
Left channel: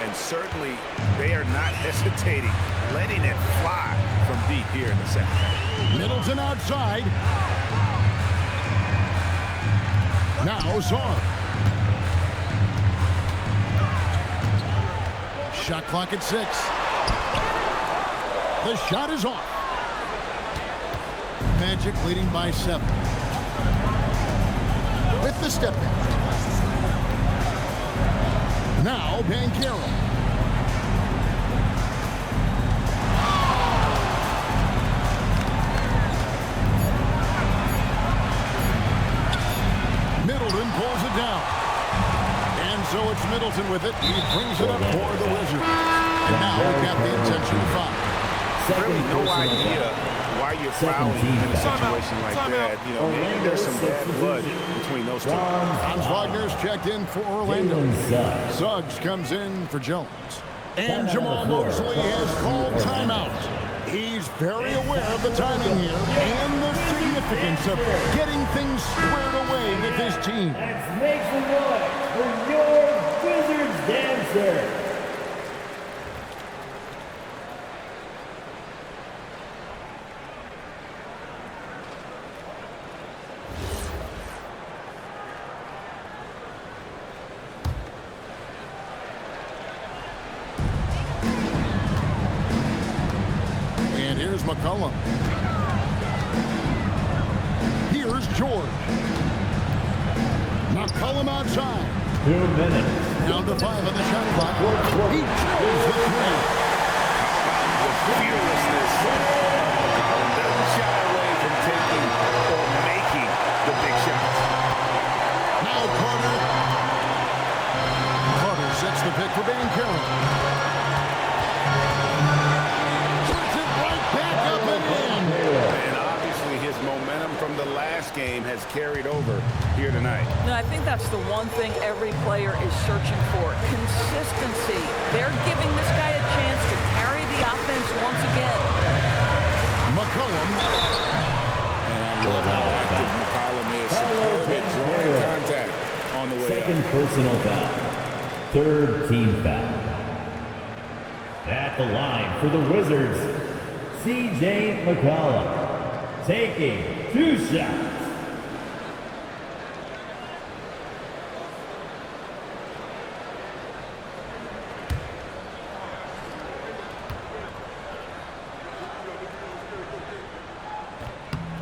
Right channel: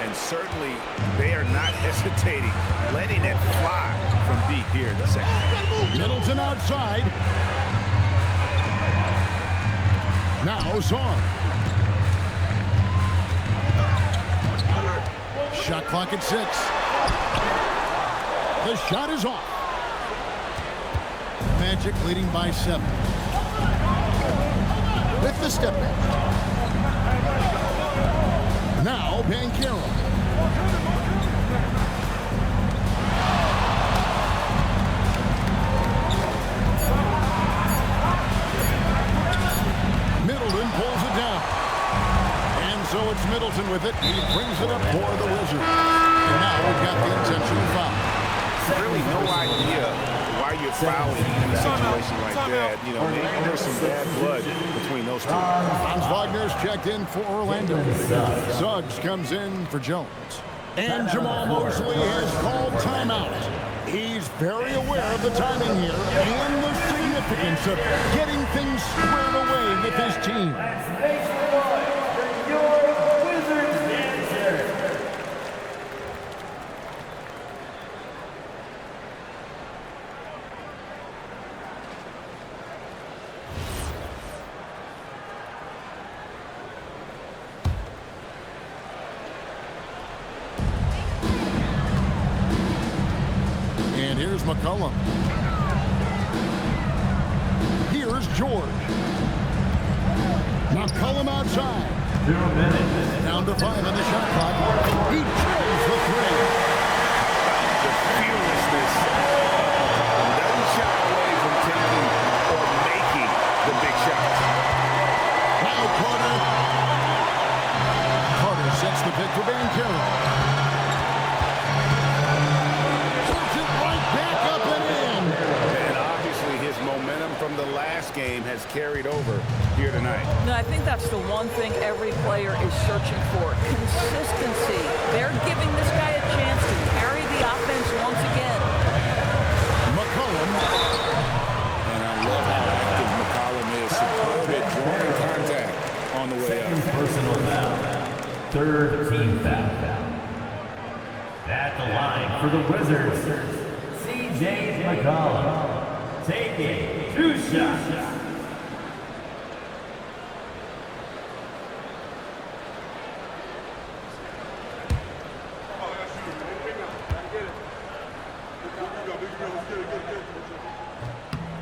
And certainly they are not hesitating, letting it fly from deep here in the second half. Middleton outside. Now Sarr. Shot clock at 6. The shot is off. Magic leading by 7. With the step back. Now Banchero. Middleton pulls it down. And so it's Middleton with it. He brings it up for the Wizards. And now we've got the intentional foul. Really no idea why you're fouling in a situation like that. You know, maybe there's some bad blood between those two. Hans Wagner's checked in for Orlando. Suggs comes in for Jones. And Jamal Mosley has called timeout. He's very aware of the timing here and the significance of getting things squared away with his team. Let's make some noise for your Wizards dancer. And here's McCollum. Here's George. McCollum outside. 2 minutes. Down to 5 on the shot clock. He drills the 3. How about the fearlessness shy away from taking or making the big shots. Now Carter. Carter sets the pick for Banchero. Puts it right back up and in. And obviously his momentum from the last game has carried over here tonight. No, I think that's the one thing every player is searching for. Consistency. They're giving this guy a chance to carry the offense once again. McCollum. And I love how active McCollum is. Superb at drawing contact on the way up. Second personal foul. Third team foul. At the line for the Wizards, C.J. McCollum. Taking 2 shots.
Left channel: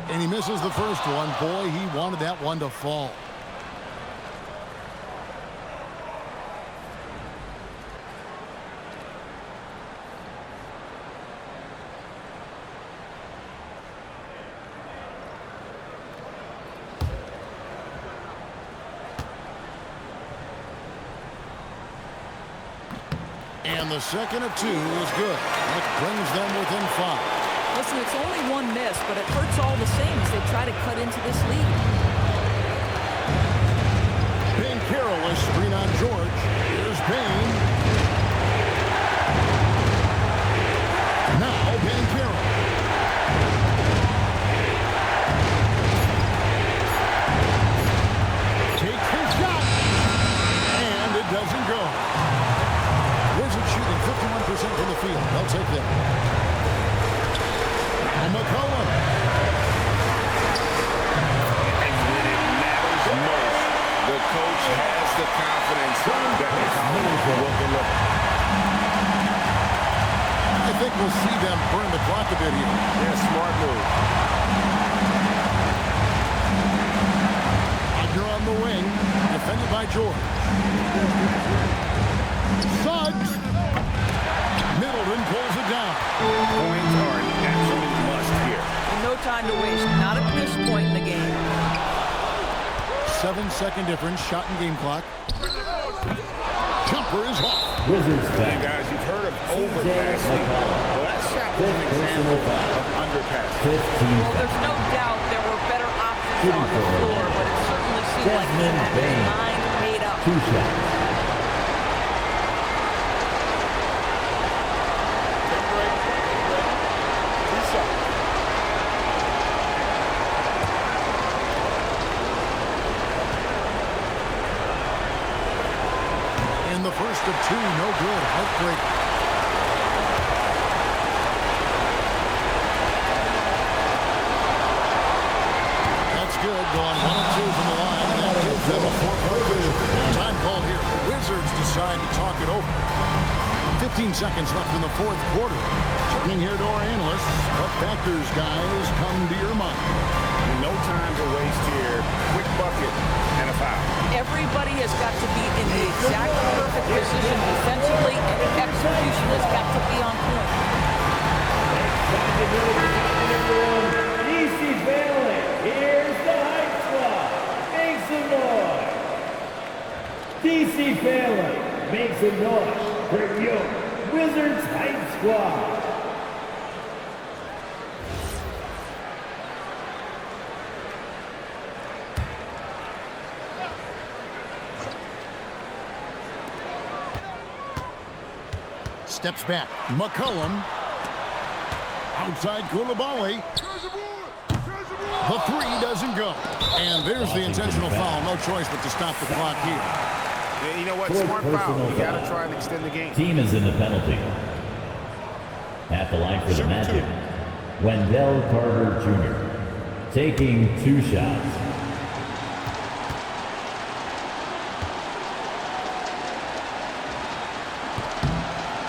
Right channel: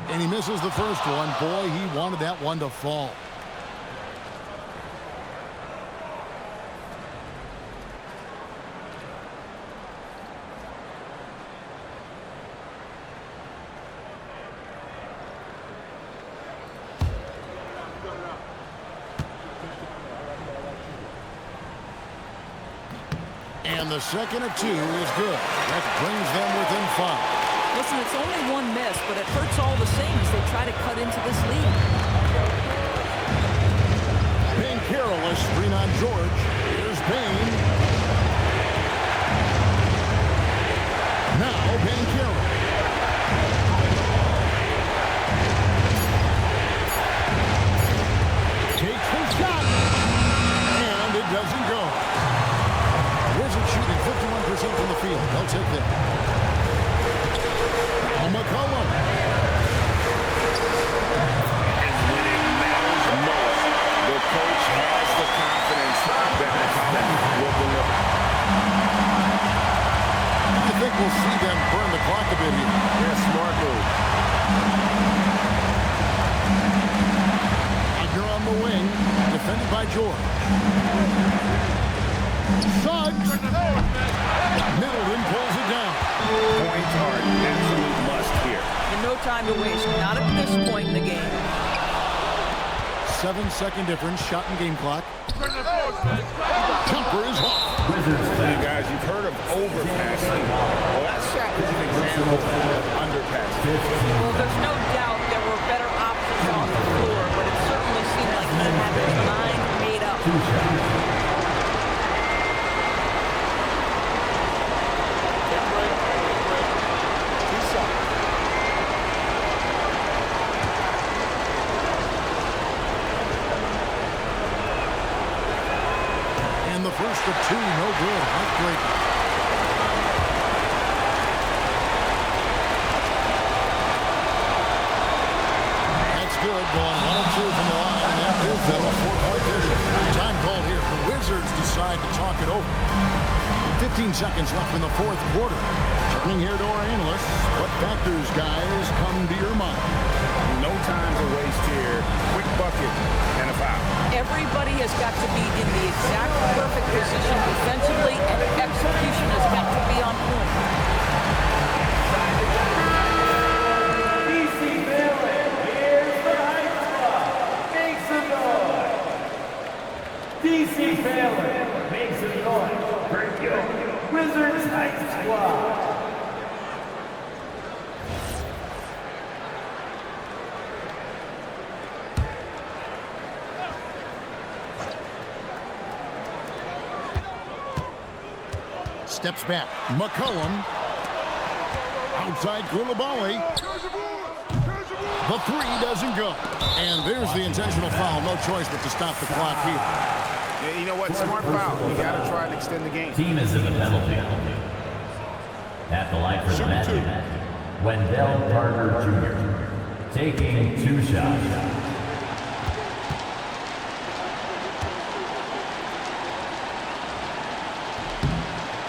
And he misses the first one. Boy, he wanted that one to fall. And the second of 2 is good. That brings them within 5. Listen, it's only one miss, but it hurts all the same as they try to cut into this lead. Banchero, a screen on George. Here's Bain. Now Banchero. Takes his shot. And it doesn't go. Wizards shooting 51% from the field. They'll take that. Now McCollum. And when it matters most, the coach has the confidence that McCollum will deliver. I think we'll see them burn the clock a bit here. Yeah, smart move. Wagner on the wing, defended by George. Suggs. Middleton pulls it down. Points are an absolute must here. And no time to waste. Not at this point in the game. 7-second difference, shot and game clock. Jumper is off. Wizards Hey back. guys, you've heard of overpassing. Well, that shot was an example of underpassing. 15. Well, there's no doubt there were better options on the floor, but it certainly seemed like he had his mind made up. 2 shots. Take a break. Take a break. 2 shots. And the first of 2, no good. Heartbreaker. That's good. Going 1 of 2 from the line, and that gives them a 4-point vision. Time called here. The Wizards decide to talk it over. 15 seconds left in the 4th quarter. Turning here to our analysts. What factors, guys, come to your mind? No time to waste here. Quick bucket and a foul. Everybody has got to be in the exact perfect position defensively, and execution has got to be on point. DC Bailey, here's the Heights Squad. Make some noise. DC Bailey, make some noise for your Wizards Heights Squad. Steps back. McCollum. Outside Koulibaly. The 3 doesn't go. And there's the intentional foul. No choice but to stop the clock here. Yeah, you know what? Smart foul. You got to try and extend the game. Team is in the penalty. At the line for the Magic, Wendell Carter Jr. taking 2 shots.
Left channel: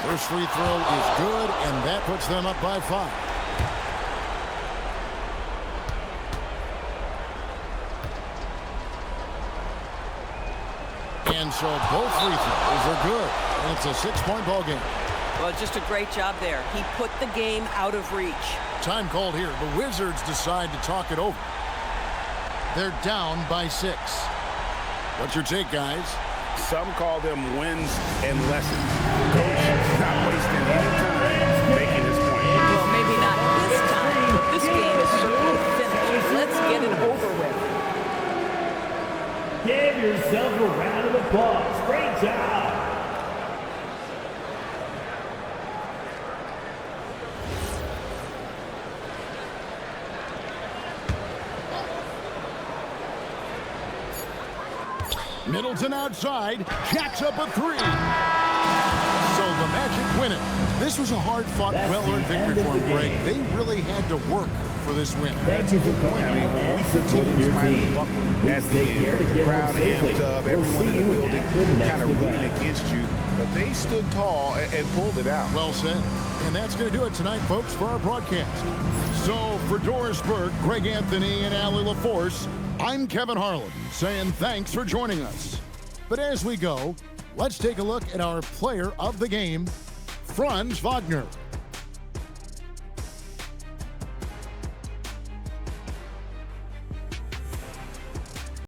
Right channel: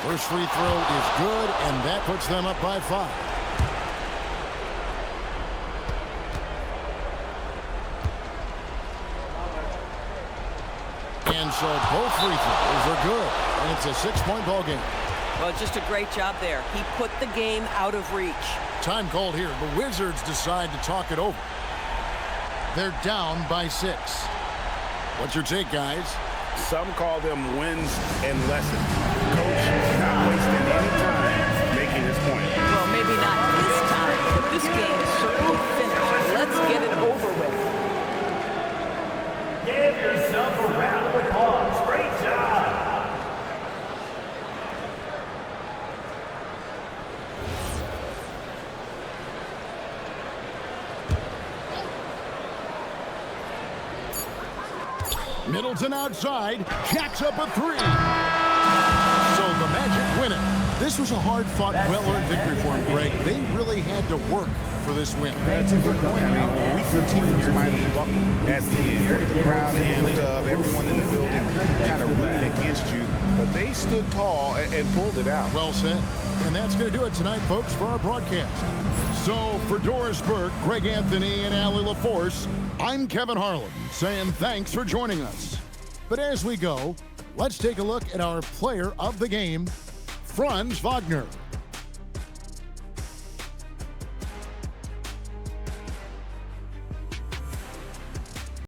First free throw is good, and that puts them up by 5. And so both free throws are good, and it's a 6-point ball game. Well, just a great job there. He put the game out of reach. Time called here. The Wizards decide to talk it over. They're down by 6. What's your take, guys? Some call them wins and lessons. Coach not wasting any time making his point. Well, maybe not this time, but this game is certainly finished. Let's get it over with. Give yourself a round of applause. Great job. Middleton outside, jacks up a 3. So the Magic win it. This was a hard-fought, well-earned victory for them, Greg. They really had to work for this win. That's a good point. I mean, weaker teams might have buckled at the end with the crowd amped up, everyone in the building kind of rooting against you, but they stood tall and pulled it out. Well said. And that's going to do it tonight, folks, for our broadcast. So for Doris Burke, Greg Anthony, and Allie LaForce, I'm Kevin Harlan saying thanks for joining us. But as we go, let's take a look at our player of the game, Franz Wagner.